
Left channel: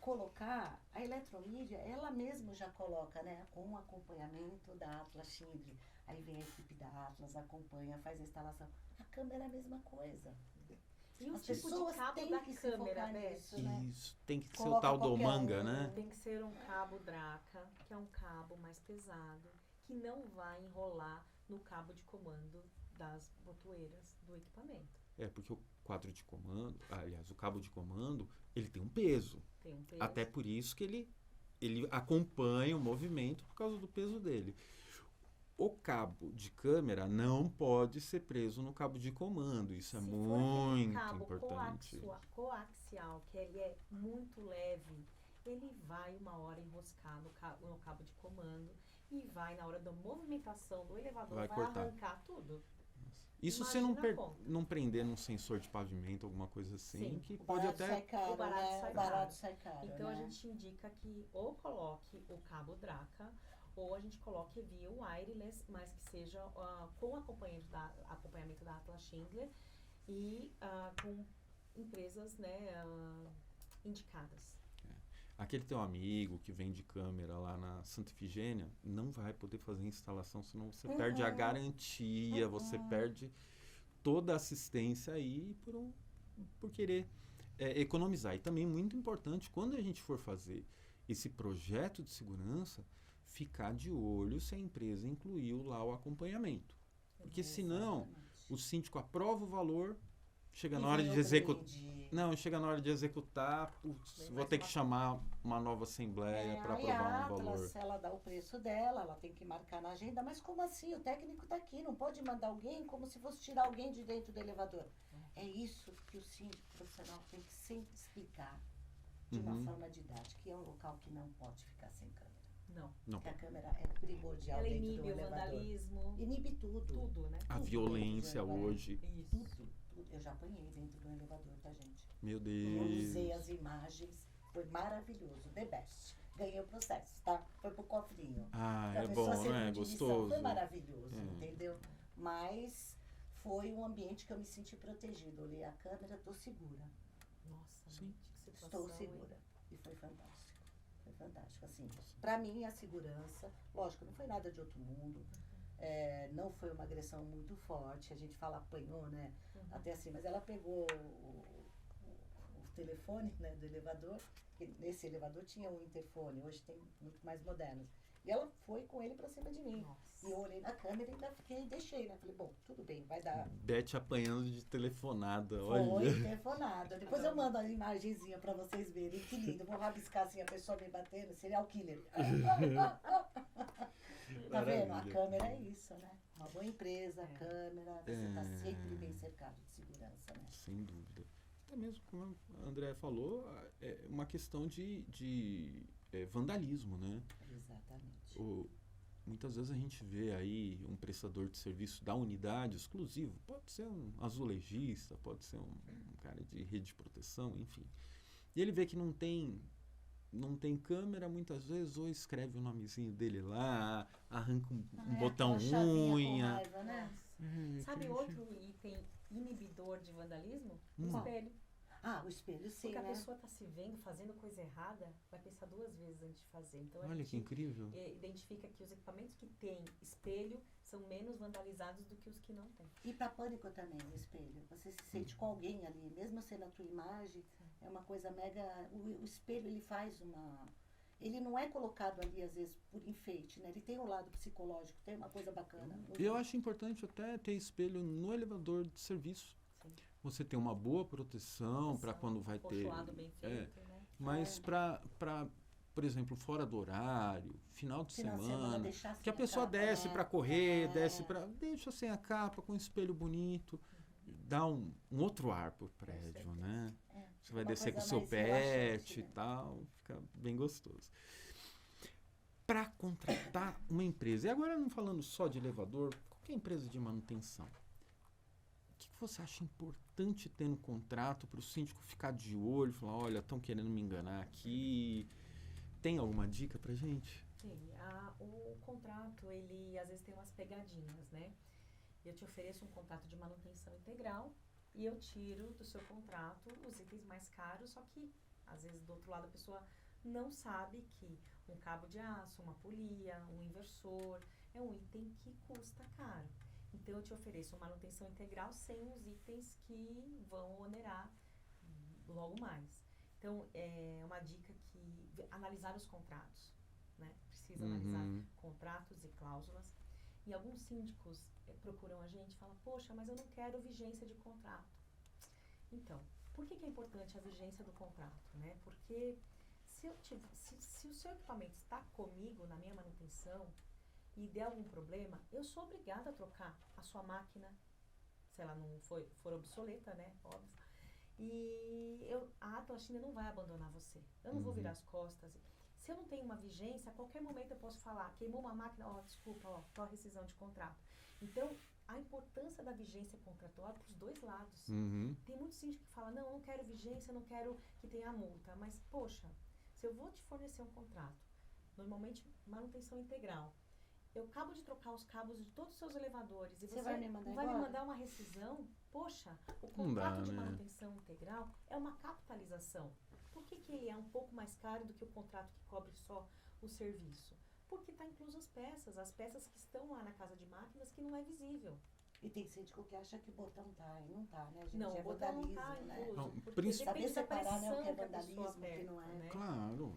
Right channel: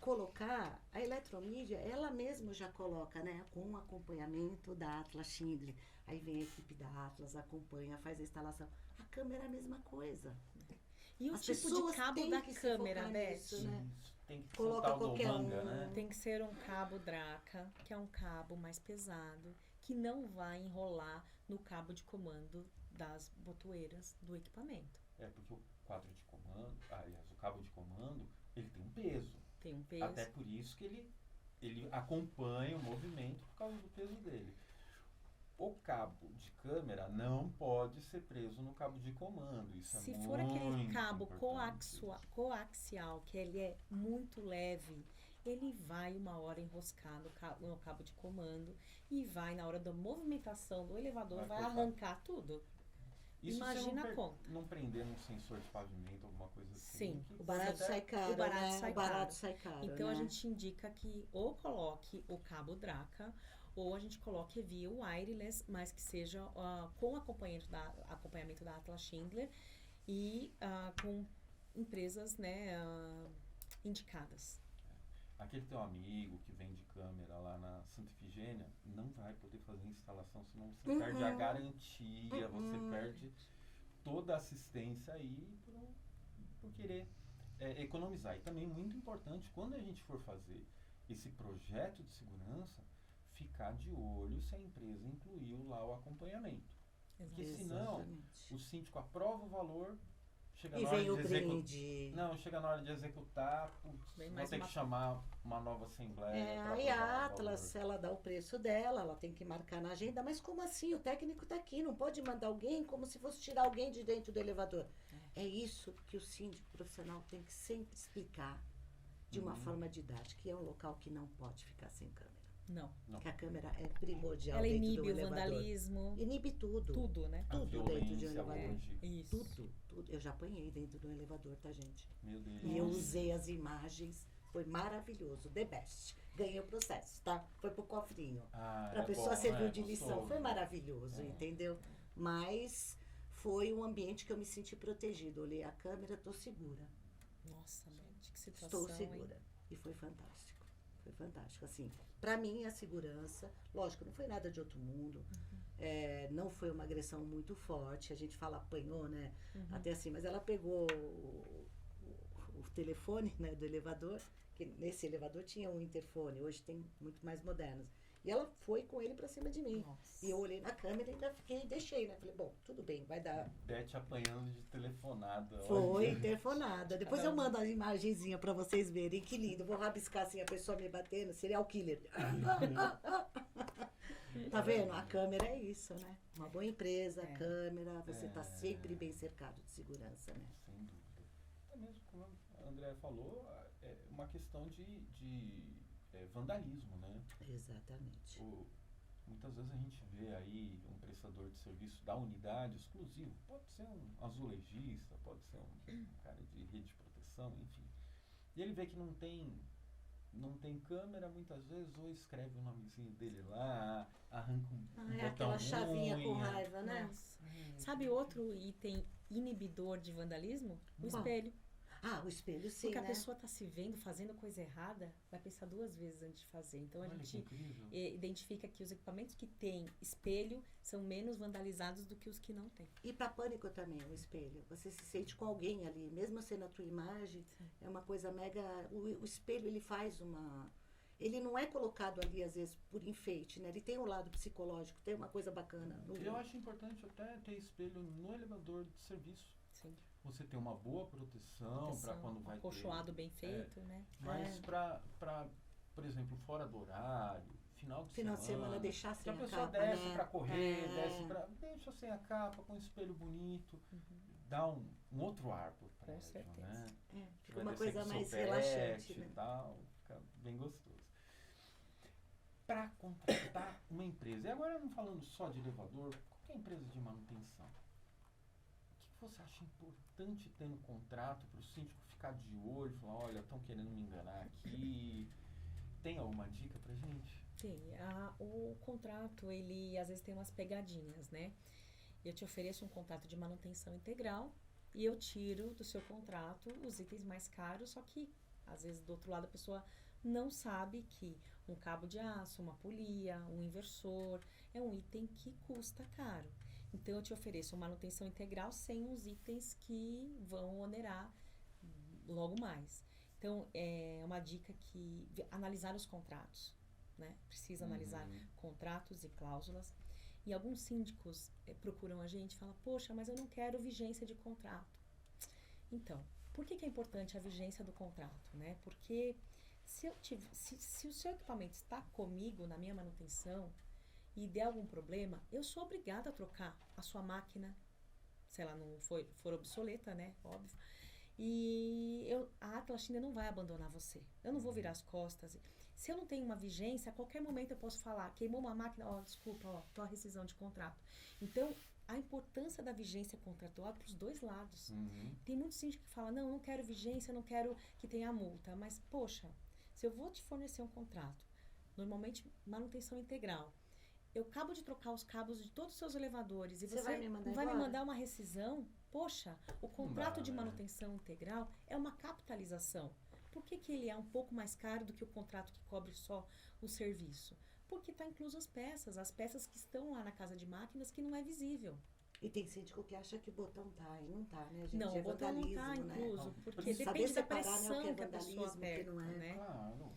colocar, a Eletromídia, ela mesma já coloca, né, com um acompanhamento da Atlas Schindler. Aí vem a equipe da Atlas, acompanha, faz a instalação. A câmera é a mesma coisa. E o As tipo de pessoas cabo têm da que se câmera, focar Beth? nisso, né? Isso, tem que ser o Coloca tal do qualquer manga, um, né? Tem que ser um cabo Draca, que é um cabo mais pesado, que não vai enrolar no cabo de comando das botoeiras do equipamento. É, porque o quadro de comando, aliás, o cabo de comando, ele tem um peso. Tem um peso. Até por isso que ele acompanha o movimento por causa do peso dele. O cabo de câmera não pode ser preso no cabo de comando. Isso é Se muito for aquele cabo importante. coaxial, que ele é muito leve, ele vai uma hora enroscar no cabo de comando e vai, na hora da movimentação do elevador, Vai vai cortar. arrancar tudo. Isso se Imagina a conta. não prender num sensor de pavimento, alguma coisa assim. Sim. Que O pode barato sai caro, o barato né? sai O barato caro. sai caro, Então né? a gente indica que ou coloque o cabo Draca ou a gente coloque via wireless, mas que seja com acompanhamento da Atlas Schindler e com empresas, né, indicadas. Aquele teu amigo que vende câmera lá na Santa Efigênia não vai poder fazer instalação, senão você perde a garantia, você perde toda a assistência aí por querer economizar. E também muito importante, quando a gente for fazer esse projeto de segurança, ficar de olho se a empresa incluiu lá o acompanhamento. Porque senão o síndico aprova o valor, chega na hora de executar. Não, chega na hora de executar, vou ter que chamar uma nova assembleia para Aí a aprovar o valor. Atlas, ela dá o preço dela, ela tem que marcar na agenda, mas como assim? O técnico está aqui, não pode mandar alguém como se fosse tirar alguém de dentro do elevador. É isso que o síndico profissional tem que sempre explicar de uma forma didática, que é um local que não pode ficar sem câmera. Não. Porque a câmera é primordial Ela dentro inibe do o elevador. vandalismo. Inibe tudo. Tudo, né? A Tudo violência dentro de um hoje. Isso. Tudo. Eu já apanhei dentro do elevador, tá, gente? Meu Eu Deus. usei as imagens, foi maravilhoso, the best. Ganhei o processo, tá? Foi pro cofrinho. Pra É pessoa bom, servir né? de lição, foi Gostoso. maravilhoso, entendeu? Mas foi um ambiente que eu me senti protegido. Olhei a câmera, tô segura. Nossa, gente, que situação. Estou segura. E foi fantástico. Foi fantástico. Assim, pra mim, a segurança, lógico, não foi nada de outro mundo. Não foi uma agressão muito forte. A gente fala apanhou, né? Até assim, mas ela pegou o telefone, né, do elevador, que nesse elevador tinha um interfone, hoje tem muito mais modernos. E ela foi com ele pra cima de mim. Nossa. E eu olhei na câmera e ainda fiquei, deixei, né? Falei, bom, tudo bem, vai dar. Beth apanhando de telefonada. Foi Olha. interfonada. Depois eu mando a imagenzinha pra vocês verem, que lindo. Vou rabiscar assim a pessoa me batendo, serial killer. Tá vendo? A câmera é isso, né? Uma boa empresa, câmera, você tá sempre bem cercado de segurança, né? Sem dúvida. Até mesmo como a Andrea falou, é uma questão de vandalismo, né? Exatamente. Muitas vezes a gente vê aí um prestador de serviço da unidade exclusivo, pode ser um azulejista, pode ser um cara de rede de proteção, enfim. E ele vê que não tem câmera, muitas vezes, ou escreve o nomezinho dele lá, arranca um botão aquela chavinha com unha. raiva, né? Nossa. Sabe outro item inibidor de vandalismo? O espelho. Ah, o espelho sim, Porque a né? pessoa está se vendo fazendo coisa errada, vai pensar duas vezes antes de fazer. Então a Olha que gente incrível. identifica que os equipamentos que têm espelho são menos vandalizados do que os que não têm. E para pânico também, o espelho. Você se sente com alguém ali, mesmo sendo a tua imagem, é uma coisa mega... O espelho, ele faz uma... Ele não é colocado ali, às vezes, por enfeite, né? Ele tem um lado psicológico, tem uma coisa bacana. E eu acho importante até ter espelho no elevador de serviço. Sim. Você tem uma boa proteção para quando vai ter... Acolchoado bem feito, né? Mas para, por exemplo, fora do horário, final de semana, deixar sem que a pessoa capa, desce né? para correr, desce para... Deixa sem a capa, com um espelho bonito. Dá um outro ar pro prédio, certeza. né? Você vai uma descer com o coisa seu mais pet relaxante, e né? tal, fica bem gostoso. Para contratar uma empresa, e agora não falando só de elevador, qualquer empresa de manutenção, o que você acha importante ter no contrato para o síndico ficar de olho, falar, olha, estão querendo me enganar aqui? Tem alguma dica pra gente? Tem. O contrato, ele às vezes tem umas pegadinhas, né? Eu te ofereço um contrato de manutenção integral e eu tiro do seu contrato os itens mais caros, só que às vezes do outro lado a pessoa não sabe que um cabo de aço, uma polia, um inversor é um item que custa caro. Então, eu te ofereço uma manutenção integral sem os itens que vão onerar logo mais. Então, é uma dica que analisar os contratos, né? Precisa analisar contratos e cláusulas. E alguns síndicos procuram a gente e falam, poxa, mas eu não quero vigência de contrato. Então, por que é importante a vigência do contrato, né? Porque se o seu equipamento está comigo na minha manutenção e der algum problema, eu sou obrigada a trocar a sua máquina, se ela não for obsoleta, né? Óbvio. E a Atlas China não vai abandonar você. Eu não vou virar as costas. Se eu não tenho uma vigência, a qualquer momento eu posso falar, queimou uma máquina, desculpa, tô a rescisão de contrato. Então, a importância da vigência contratual é para os dois lados. Tem muitos síndicos que falam, não, eu não quero vigência, eu não quero que tenha multa. Mas, poxa, se eu vou te fornecer um contrato, normalmente manutenção integral, eu acabo de trocar os cabos de todos os seus elevadores e você vai me mandar uma rescisão, poxa, o contrato de manutenção integral é uma capitalização. Por que ele é um pouco mais caro do que o contrato que cobre só o serviço? Porque está incluso as peças que estão lá na casa de máquinas que não é visível. E tem síndico que acha que o botão tá e não tá, né, gente? Não, o botão não tá incluso, porque depende da pressão que a pessoa aperta, né? Claro,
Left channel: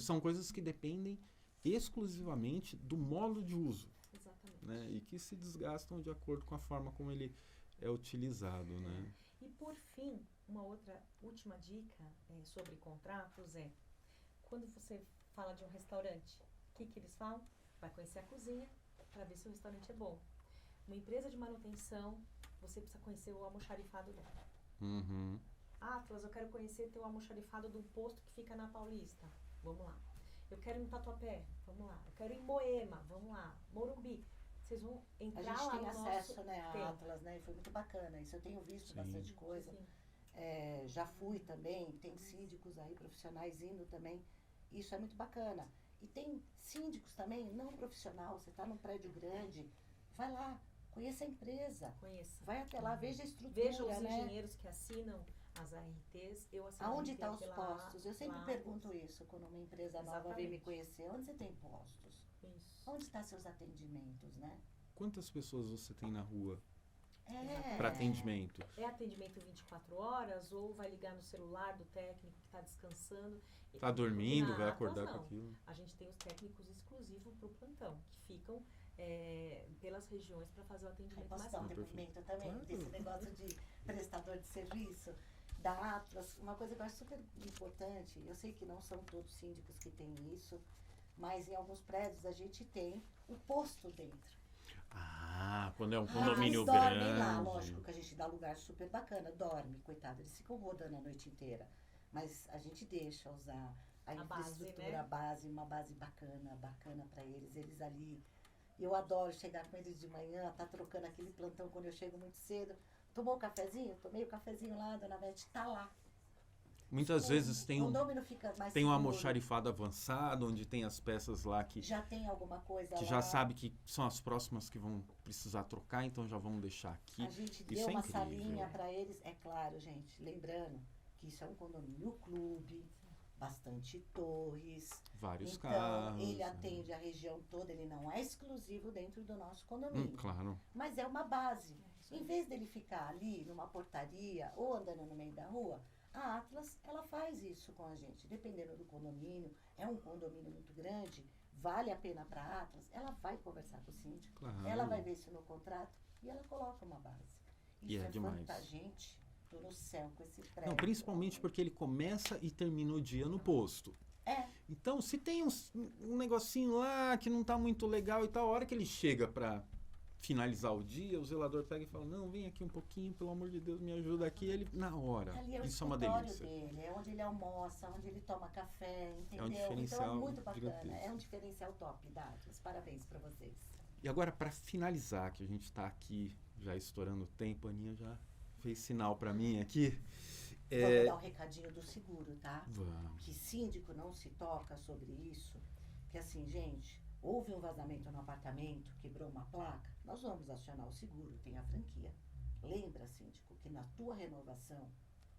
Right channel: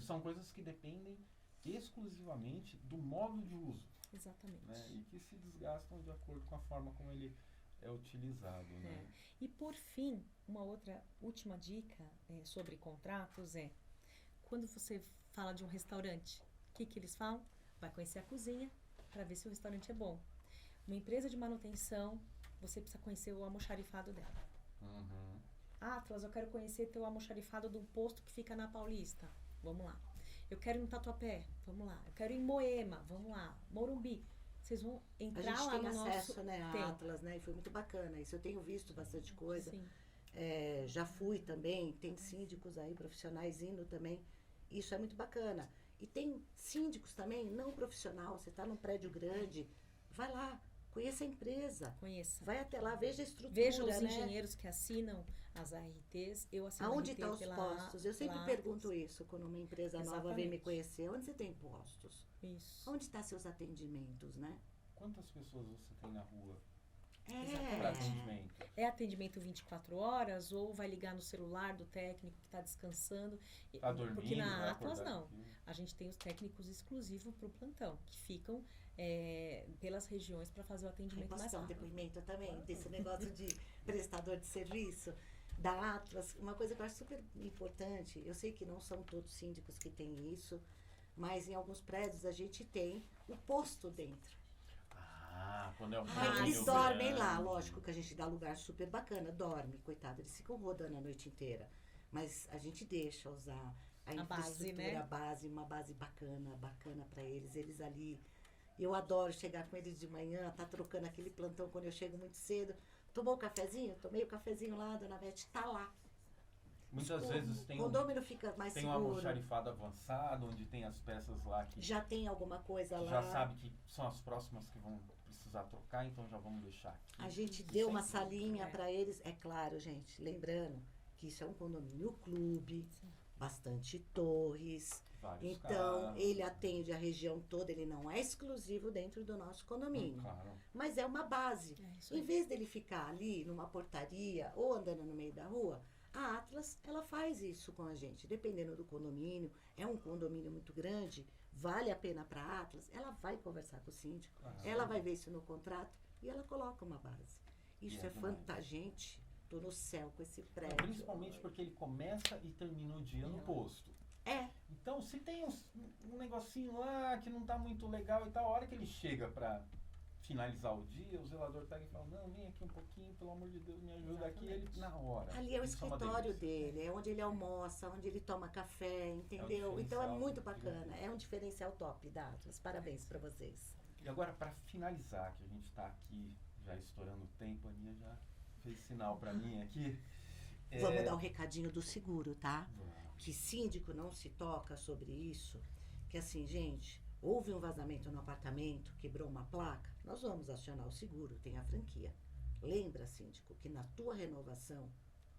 são coisas que dependem exclusivamente do modo de uso. Exatamente. Né? E que se desgastam de acordo com a forma como ele é utilizado, né? E por fim, uma última dica sobre contratos é, quando você fala de um restaurante, o que eles falam? Vai conhecer a cozinha para ver se o restaurante é bom. Uma empresa de manutenção, você precisa conhecer o almoxarifado dela. Atlas, eu quero conhecer teu almoxarifado de um posto que fica na Paulista. Vamos lá. Eu quero ir no Tatuapé. Vamos lá. Eu quero ir em Moema. Vamos lá. Morumbi. Vocês vão entrar lá no nosso... A gente tem acesso, né, a Atlas, né? E foi muito bacana. Isso eu tenho visto bastante coisa. Sim. Já fui também. Tem síndicos aí, profissionais indo também. Isso é muito bacana. E tem síndicos também, não profissional. Você está num prédio grande. Vai lá. Conheça a empresa. Conheça. Vai até lá, veja a estrutura, veja os engenheiros que assinam as ARTs. Eu assino aonde RT estão os postos? Eu sempre lá, pergunto isso quando uma empresa nova vem me Exatamente. conhecer. Onde você tem postos? Isso. Onde estão seus atendimentos, né? Quantas pessoas você tem na rua Exatamente. para atendimento? É atendimento 24 horas ou vai ligar no celular do técnico que está descansando? Tá dormindo, vai Atlas, acordar não. com aquilo? A gente tem os técnicos exclusivos para o plantão, que ficam pelas regiões para fazer o atendimento Posso mais dar um rápido. depoimento também Claro. desse negócio de prestador de serviço da Atlas? Uma coisa que eu acho super importante, eu sei que não são todos síndicos que têm isso, mas em alguns prédios a gente tem o posto dentro. Quando é um Eles condomínio dormem grande. lá, lógico que a gente dá lugar super bacana, dorme, coitado, eles ficam rodando a noite inteira. Mas a gente deixa usar a base, infraestrutura, né? a base, uma base bacana pra eles ali. Eu adoro chegar com eles de manhã, tá trocando aquele plantão quando eu chego muito cedo. Tomou o cafezinho? Tomei o cafezinho lá, dona Beth, tá lá. Muitas vezes tem o condomínio fica mais tem um seguro. almoxarifado avançado, onde tem as peças lá que Já tem alguma coisa que lá. já sabe que são as próximas que vão precisar trocar, então já vamos deixar aqui. A gente Isso deu é uma incrível. salinha para eles. É claro, gente, lembrando que isso é um condomínio clube, bastante torres. Vários Então, carros, ele né? atende a região toda, ele não é exclusivo dentro do nosso condomínio. Claro. Mas é uma base. Isso Em aí. vez dele ficar ali numa portaria ou andando no meio da rua, a Atlas, ela faz isso com a gente. Dependendo do condomínio, é um condomínio muito grande, vale a pena para a Atlas, ela vai conversar com o síndico, Claro. ela vai ver isso no contrato e ela coloca uma base. E Isso é demais. fantástico, gente. Tô no céu com esse Não, prédio. principalmente porque ele começa e termina o dia no posto. É, Então, se tem um negocinho lá que não tá muito legal e tal, a hora que ele chega pra finalizar o dia, o zelador pega e fala, não, vem aqui um pouquinho, pelo amor de Deus, me ajuda aqui. Ele, na hora. ali é o Isso é uma escritório delícia. dele, é onde ele almoça, onde ele toma café, entendeu? Então é diferencial muito bacana, gigantesco. é um diferencial top da Atlas. Parabéns para vocês. E agora, para finalizar, que a gente está aqui já estourando o tempo, a Aninha já fez sinal para mim aqui. Vamos dar um recadinho do seguro, tá? Vamos. Que síndico não se toca sobre isso. Que assim, gente, houve um vazamento no apartamento, quebrou uma placa, nós vamos acionar o seguro, tem a franquia. Lembra, síndico, que na tua renovação,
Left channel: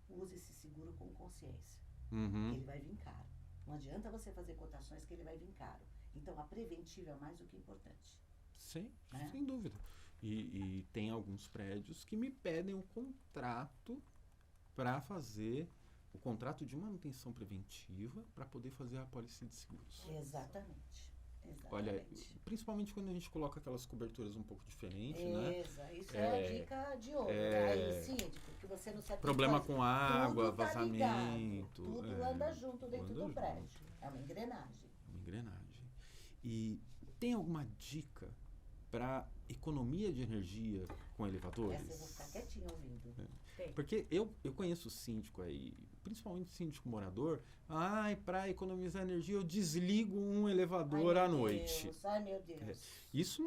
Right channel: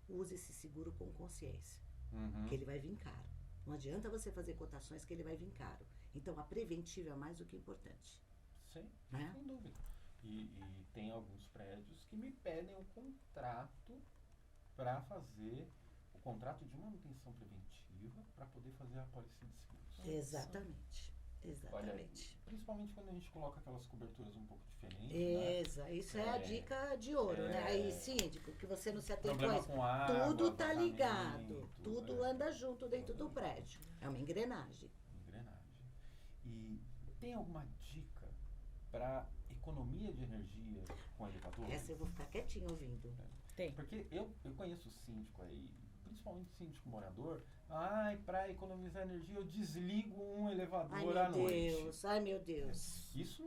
use esse seguro com consciência. Uhum. Que ele vai vir caro. Não adianta você fazer cotações que ele vai vir caro. Então, a preventiva é mais do que importante. Sim, Né? sem dúvida. E tem alguns prédios que me pedem um contrato para fazer o contrato de manutenção preventiva para poder fazer a apólice de seguros. Exatamente. Olha, Exatamente. principalmente quando a gente coloca aquelas coberturas um pouco diferentes, né? Isso é a dica de ouro, né? Aí, síndico, que você não se atende. Problema com água, tudo tá vazamento. ligado, tudo anda junto dentro Anda do junto. prédio. É uma engrenagem. Uma engrenagem. E tem alguma dica para economia de energia com elevadores? Essa eu vou ficar quietinho ouvindo. Tem. Porque eu conheço síndico aí, principalmente síndico morador, para economizar energia eu desligo um elevador à noite. Ai, meu Deus. Isso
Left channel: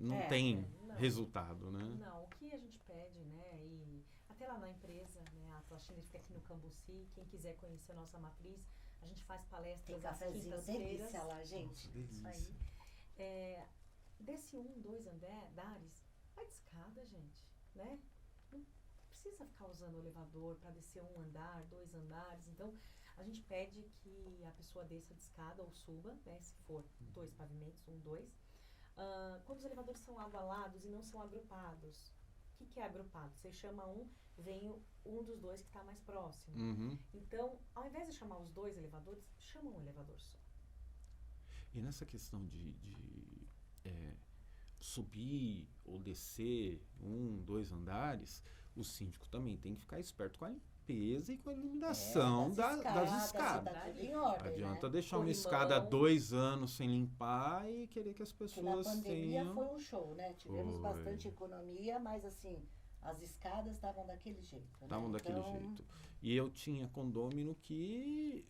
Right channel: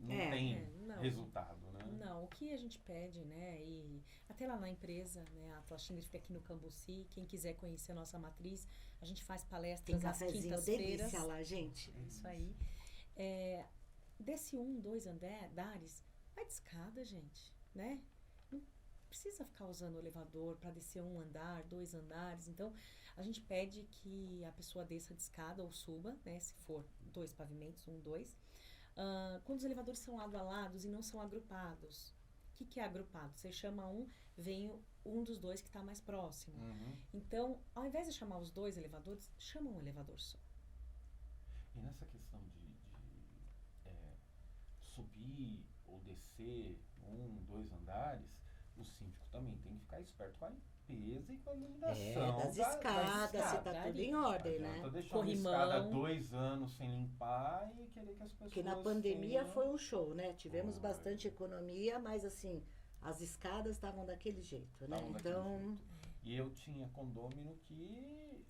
não tem não. resultado, né? Não, o que a gente pede, né, e até lá na empresa, né, a Atlas fica aqui no Cambuci, quem quiser conhecer a nossa matriz, a gente faz Tem palestras às cafezinho quintas-feiras. delícia lá, gente. Isso aí. Desce 1, 2 andares, vai de escada, gente, né? Não precisa ficar usando o elevador para descer 1 andar, 2 andares. Então, a gente pede que a pessoa desça de escada ou suba, né? Se for 2 pavimentos, 1, 2. Quando os elevadores são agualados e não são agrupados, o que é agrupado? Você chama vem um dos dois que está mais próximo. Uhum. Então, ao invés de chamar os 2 elevadores, chama um elevador só. E nessa questão de subir ou descer 1, 2 andares, o síndico também tem que ficar esperto com a limpeza e com a iluminação das escadas. Tá tudo em ordem, Adianta né? deixar uma Corrimão. escada 2 anos sem limpar e querer que as pessoas Porque na pandemia tenham... foi um show, né? Tivemos Foi. bastante economia, mas assim, as escadas estavam daquele jeito, né? Estavam daquele jeito. E eu tinha condômino que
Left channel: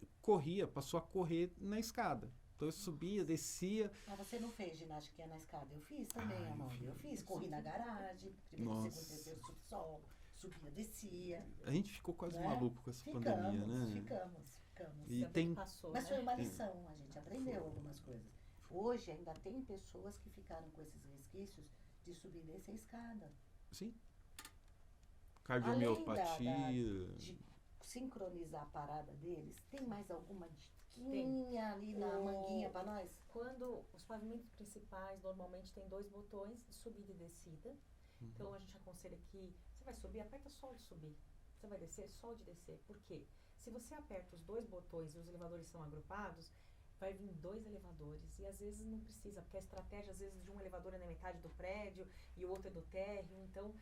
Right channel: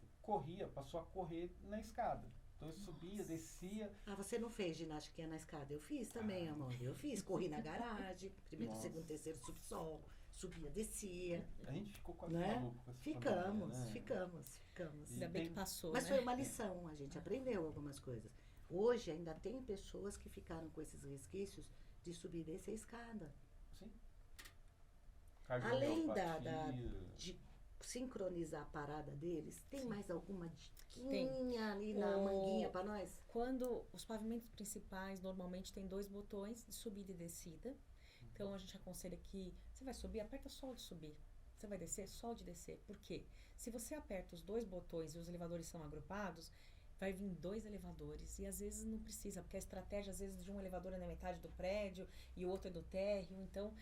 passou a correr na escada. Então eu subia, descia. Você não fez ginástica na escada? Eu fiz também, amor. Eu fiz. Corri na garagem, primeiro, Nossa. segundo, terceiro, subsolo, subia, descia. A gente ficou quase Né? maluco com essa pandemia, né? Ficamos. E Ainda bem tem- que passou, Mas né? foi uma lição, a gente aprendeu algumas coisas. Hoje ainda tem pessoas que ficaram com esses resquícios de subir e descer a escada. Sim. Além Cardiomiopatia. de sincronizar a parada deles, tem mais alguma Tem. diquinha ali na O- manguinha pra nós? Quando os pavimentos principais normalmente tem 2 botões de subida e descida. Então a gente aconselha que você vai subir, aperta só o de subir. Você vai descer, só o de descer. Por quê? Se você aperta os 2 botões e os elevadores são agrupados, vai vir 2 elevadores. E às vezes não precisa, porque a estratégia às vezes de um elevador é na metade do prédio e o outro é no térreo. Então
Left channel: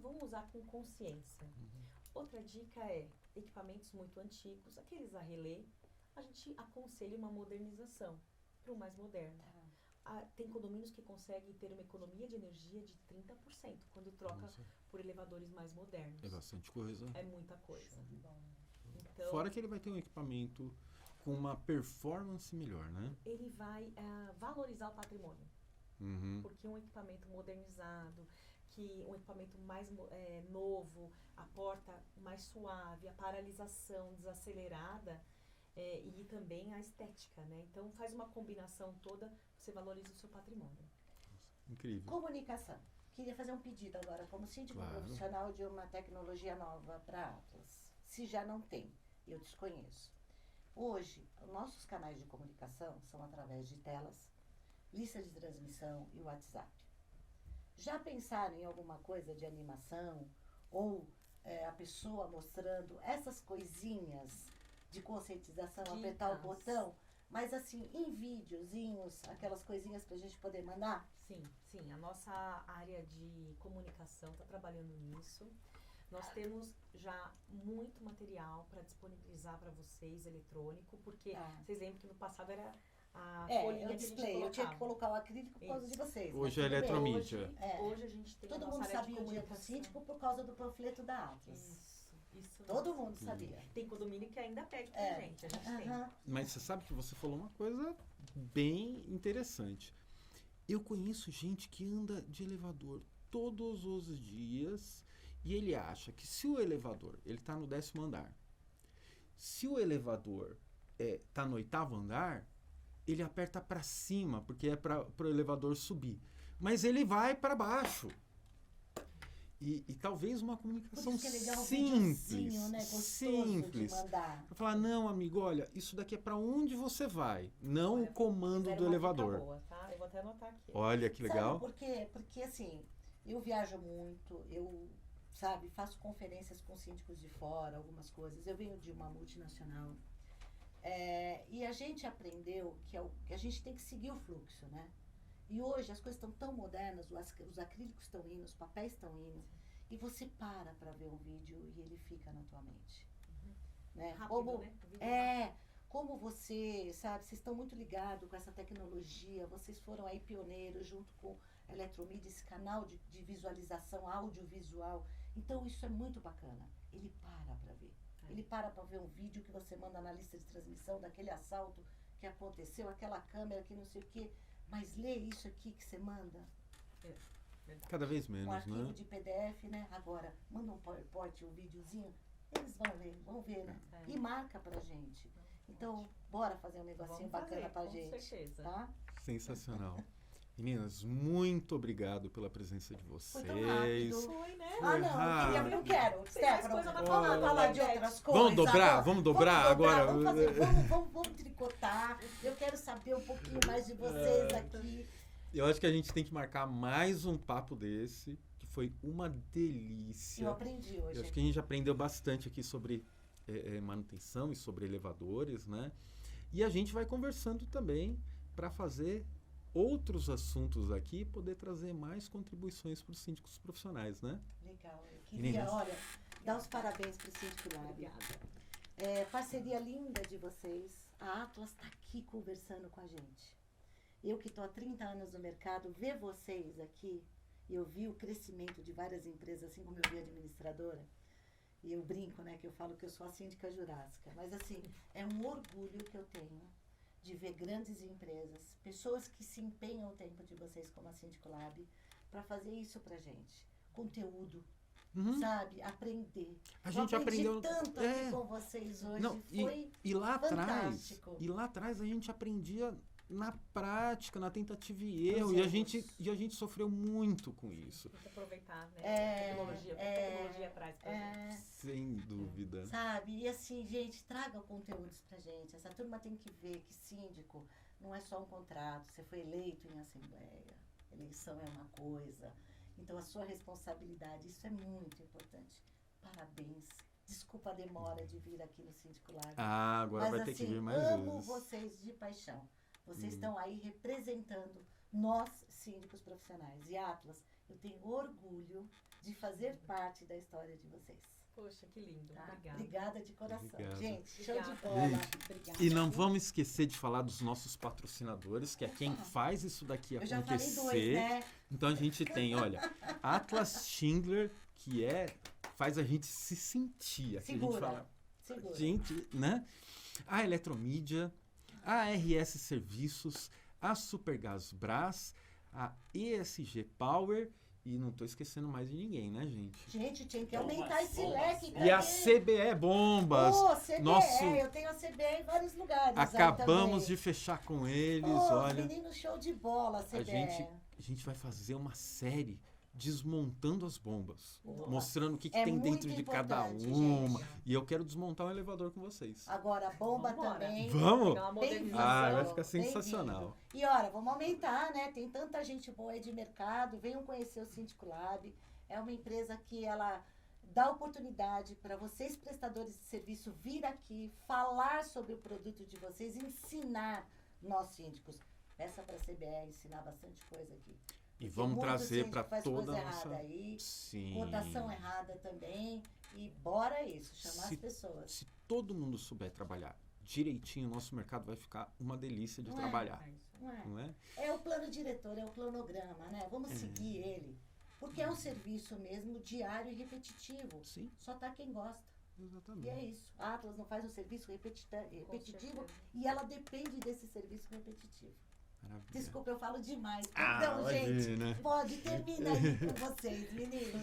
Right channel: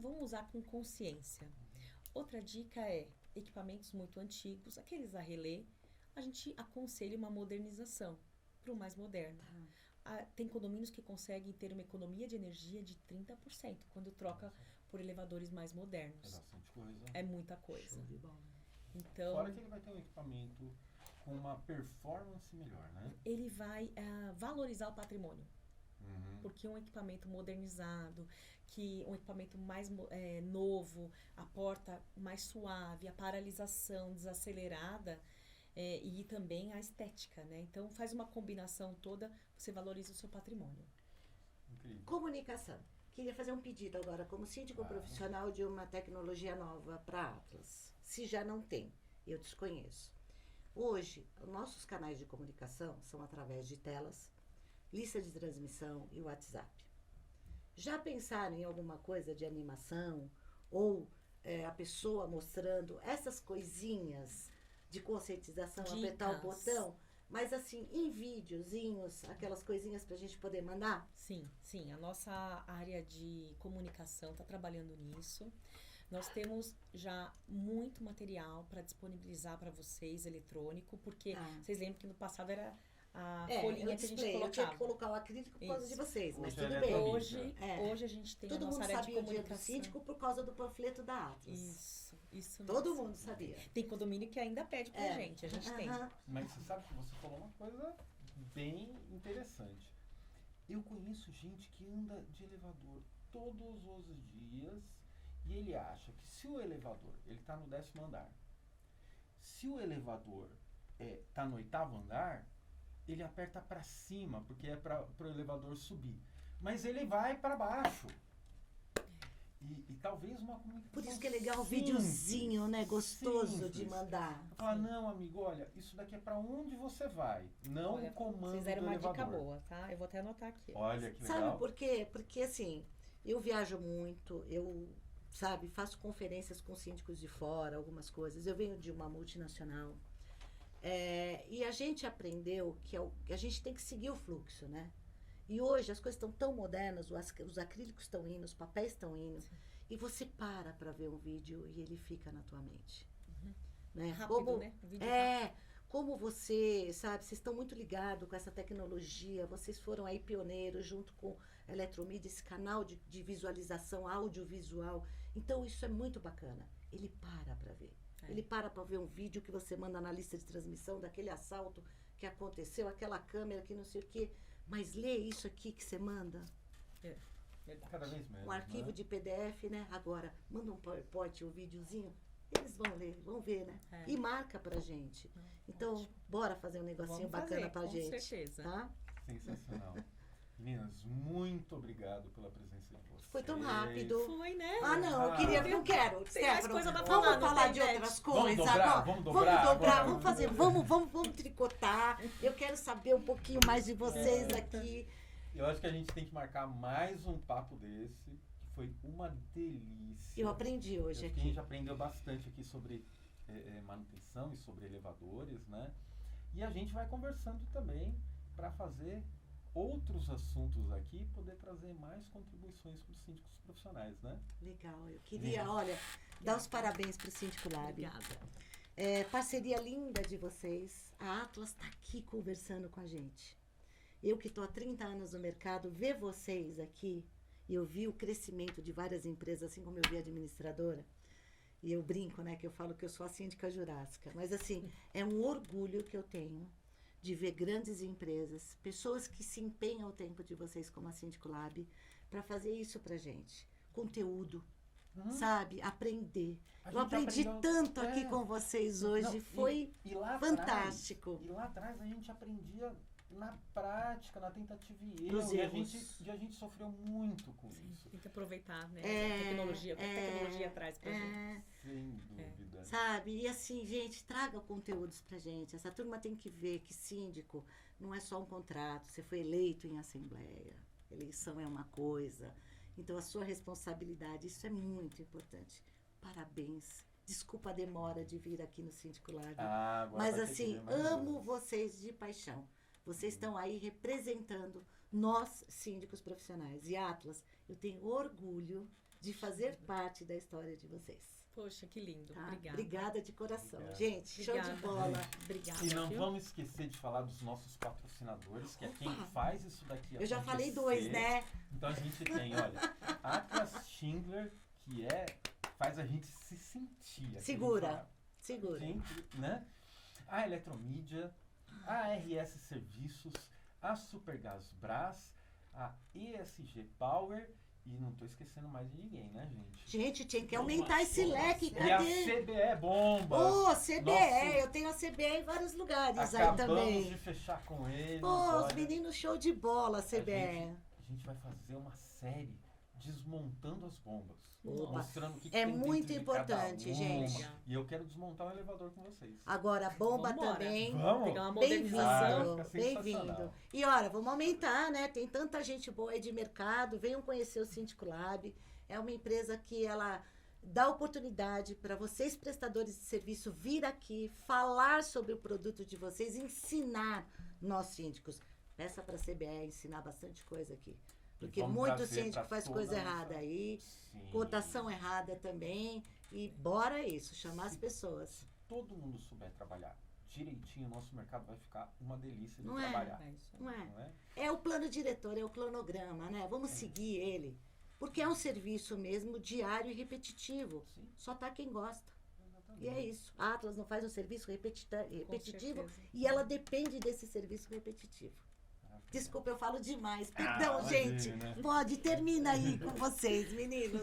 vamos usar com consciência. Outra dica é equipamentos muito antigos, aqueles a relé, a gente aconselha uma modernização para o mais moderno. Tem condomínios que conseguem ter uma economia de energia de 30% quando troca Nossa, por elevadores mais é modernos. bastante coisa. É muita coisa. Show de bola. Então, Fora que ele vai ter um equipamento com uma performance melhor, né? ele vai valorizar o patrimônio. Uhum. Porque um equipamento modernizado, um equipamento mais novo, a porta mais suave, a paralisação desacelerada e também a estética, né? Então faz uma combinação toda, você valoriza o seu patrimônio. Incrível. Comunicação. Queria fazer um pedido agora, como síndico Claro. profissional de uma tecnologia nova para Atlas. Se já não tem, eu desconheço. Hoje, os nossos canais de comunicação são através de telas, lista de transmissão e WhatsApp. Já pensaram em alguma coisa de animação ou a pessoa mostrando essas coisinhas de conscientização, apertar o Dicas. botão, mas assim, em videozinhos, aquelas coisinhas pra gente poder mandar? Sim, sim. A nossa área de comunicação está trabalhando nisso. Nós temos já muito material para disponibilizar para vocês, eletrônico, porque vocês lembram que no passado era a folhinha que a gente display, eu tinha que colocava. colocar o acrílico por causa de Isso. vocês. mas Hoje é tudo bem. eletromídia. Hoje a gente tem Todo a nossa mundo área de sabia o dia do comunicação. síndico por causa do panfleto da Atlas. Isso Todo mesmo. mundo sabia. Tem condomínio que ainda pede pra gente, a gente tem. Aham. Mas você sabe que você falou uma coisa bem interessante. Eu conheço gente que anda de elevador todos os dias e ele acha que se o elevador, ele está no 10º andar, se o elevador está no 8º andar, ele aperta para cima, porque é para o elevador subir. Mas ele vai para baixo. E talvez uma Por comunicação isso que é legal um simples, videozinho, né? Gostoso de simples. mandar. Falar, não, amigo, olha, isso daqui é para onde você vai, não Olha, o comando Vocês do deram uma elevador. dica boa, tá? Eu vou até anotar aqui. Olha que legal. Sabe por quê? Porque assim, eu viajo muito, sabe, faço conferências com síndicos de fora, algumas coisas. Eu venho de uma multinacional. E a gente aprendeu que a gente tem que seguir o fluxo, né? E hoje as coisas estão tão modernas, os acrílicos estão indo, os papéis estão indo, e você para ver um vídeo e ele fica na tua mente. Né? Rápido, né? O vídeo Como você, sabe, vocês estão muito ligados com essa tecnologia, vocês foram aí pioneiros junto com a Eletromídia, esse canal de visualização audiovisual. Então isso é muito bacana. Ele para ver. Ele para ver um vídeo que você manda na lista de transmissão daquele assalto que aconteceu, aquela câmera que não sei o quê. Mas lê isso aqui que você manda. Verdade. Cada vez menos, Um arquivo né? de PDF, né? Agora, manda um PowerPoint, um videozinho, eles vão ler, vão ver, né? E marca pra gente. Então, bora fazer um negocinho Vamos bacana fazer, pra com gente. certeza. Tá? Sensacional. Meninas, muito obrigado pela presença de vocês. Foi tão rápido. Foi, né? Ah, não, eu não quero. Tem mais Stefano, coisa pra vamos falar, falar de Beth. outras coisas. Vamos dobrar? agora. Vamos dobrar agora? Vamos fazer, vamos tricotar. Eu quero saber um pouquinho mais de vocês aqui. Eu acho que a gente tem que marcar mais um papo desse, que foi uma delícia. Eu aprendi Eu hoje acho aqui. que a gente aprendeu bastante aqui sobre manutenção e sobre elevadores, né? E a gente vai conversando também para fazer outros assuntos aqui e poder trazer mais contribuições para os síndicos profissionais, né? Legal. Eu queria, olha, dar os parabéns para o Síndico Lab. Obrigada. Parceria linda de vocês. A Atlas está aqui conversando com a gente. Eu que estou há 30 anos no mercado, ver vocês aqui, e eu vi o crescimento de várias empresas, assim como eu vi a administradora, e eu brinco, né, que eu falo que eu sou a síndica jurássica, mas assim, é um orgulho que eu tenho de ver grandes empresas, pessoas que se empenham o tempo de vocês como a Síndico Lab, para fazer isso pra gente. Conteúdo, sabe? Aprender. A Eu gente aprendi aprendeu- tanto aqui com vocês hoje, Não, foi e lá fantástico. Atrás, e lá atrás a gente aprendia na prática, na tentativa e Nos erro, e a erros. gente sofreu muito com isso. Tem que aproveitar, né? A tecnologia, o que a tecnologia traz pra gente. Sem dúvida. Sabe? E assim, gente, traga conteúdos pra gente. Essa turma tem que ver que síndico não é só um contrato. Você foi eleito em assembleia. Eleição é uma coisa. Então, a sua responsabilidade, isso é muito importante. Parabéns. Desculpa a demora de vir aqui no Síndico Lab. Ah, agora Mas vai ter que assim, vir mais amo vezes. vocês de paixão. Vocês estão aí representando nós, síndicos profissionais. E Atlas, eu tenho orgulho de fazer parte da história de vocês. Poxa, que lindo. Tá? Obrigada. Obrigada de coração. Obrigado. Gente, show Obrigada. de bola. Obrigada. E não vamos esquecer de falar dos nossos patrocinadores, que é quem faz isso daqui Eu já acontecer. falei 2, né? Então a gente tem, olha, Atlas Schindler, que faz a gente se sentir. Aqui a gente Segura. fala, Segura. gente, né? A Eletromídia, a RS Serviços, a Supergás Brás, a ESG Power e não estou esquecendo mais de ninguém, né, gente? Gente, tinha que aumentar esse leque. E a CBE Bombas. Ô, CBE, Nosso- eu tenho a CBE em vários lugares aí Acabamos também. de fechar com eles, Ô, os olha. meninos show de bola, CBE. A gente vai fazer uma série desmontando as bombas. Boa. Mostrando o que É tem muito dentro de cada importante, uma. gente. E eu quero desmontar um elevador com vocês. Agora, bomba Vambora. também. Vamos? Pegar uma Bem-vindo, Ah, vai modernização. ficar sensacional. bem-vindo. E olha, vamos aumentar, né? Tem tanta gente boa aí de mercado. Venham conhecer o Síndico Lab. É uma empresa que ela dá oportunidade para vocês, prestadores de serviço, vir aqui, falar sobre o produto de vocês, ensinar nós síndicos. Peça para a CBE ensinar bastante coisa aqui. E Porque vamos muito trazer síndico para faz toda coisa a nossa- errada aí, Sim. cotação errada também. E bora isso, chamar Se- as pessoas. Se todo mundo souber trabalhar direitinho, o nosso mercado vai ficar uma delícia de Não é? trabalhar. É isso aí. Não é? Não é? É o plano diretor, é o cronograma, né? Vamos seguir ele. Porque é um serviço mesmo diário e repetitivo. Sim, Só tá quem gosta. exatamente. E é isso. A Atlas não faz um serviço repetitivo certeza. e ela depende desse serviço repetitivo. Maravilha. Desculpa, eu falo demais. Ah, Então, gente, imagina. pode, termina aí com vocês, meninos.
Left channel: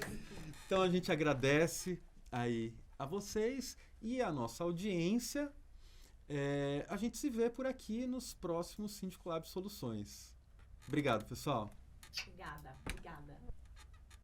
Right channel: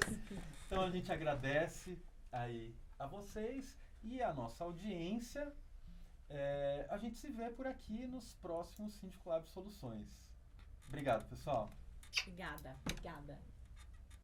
Então a gente agradece aí a vocês e a nossa audiência. A gente se vê por aqui nos próximos Síndico Lab Soluções. Obrigado, pessoal. Obrigada.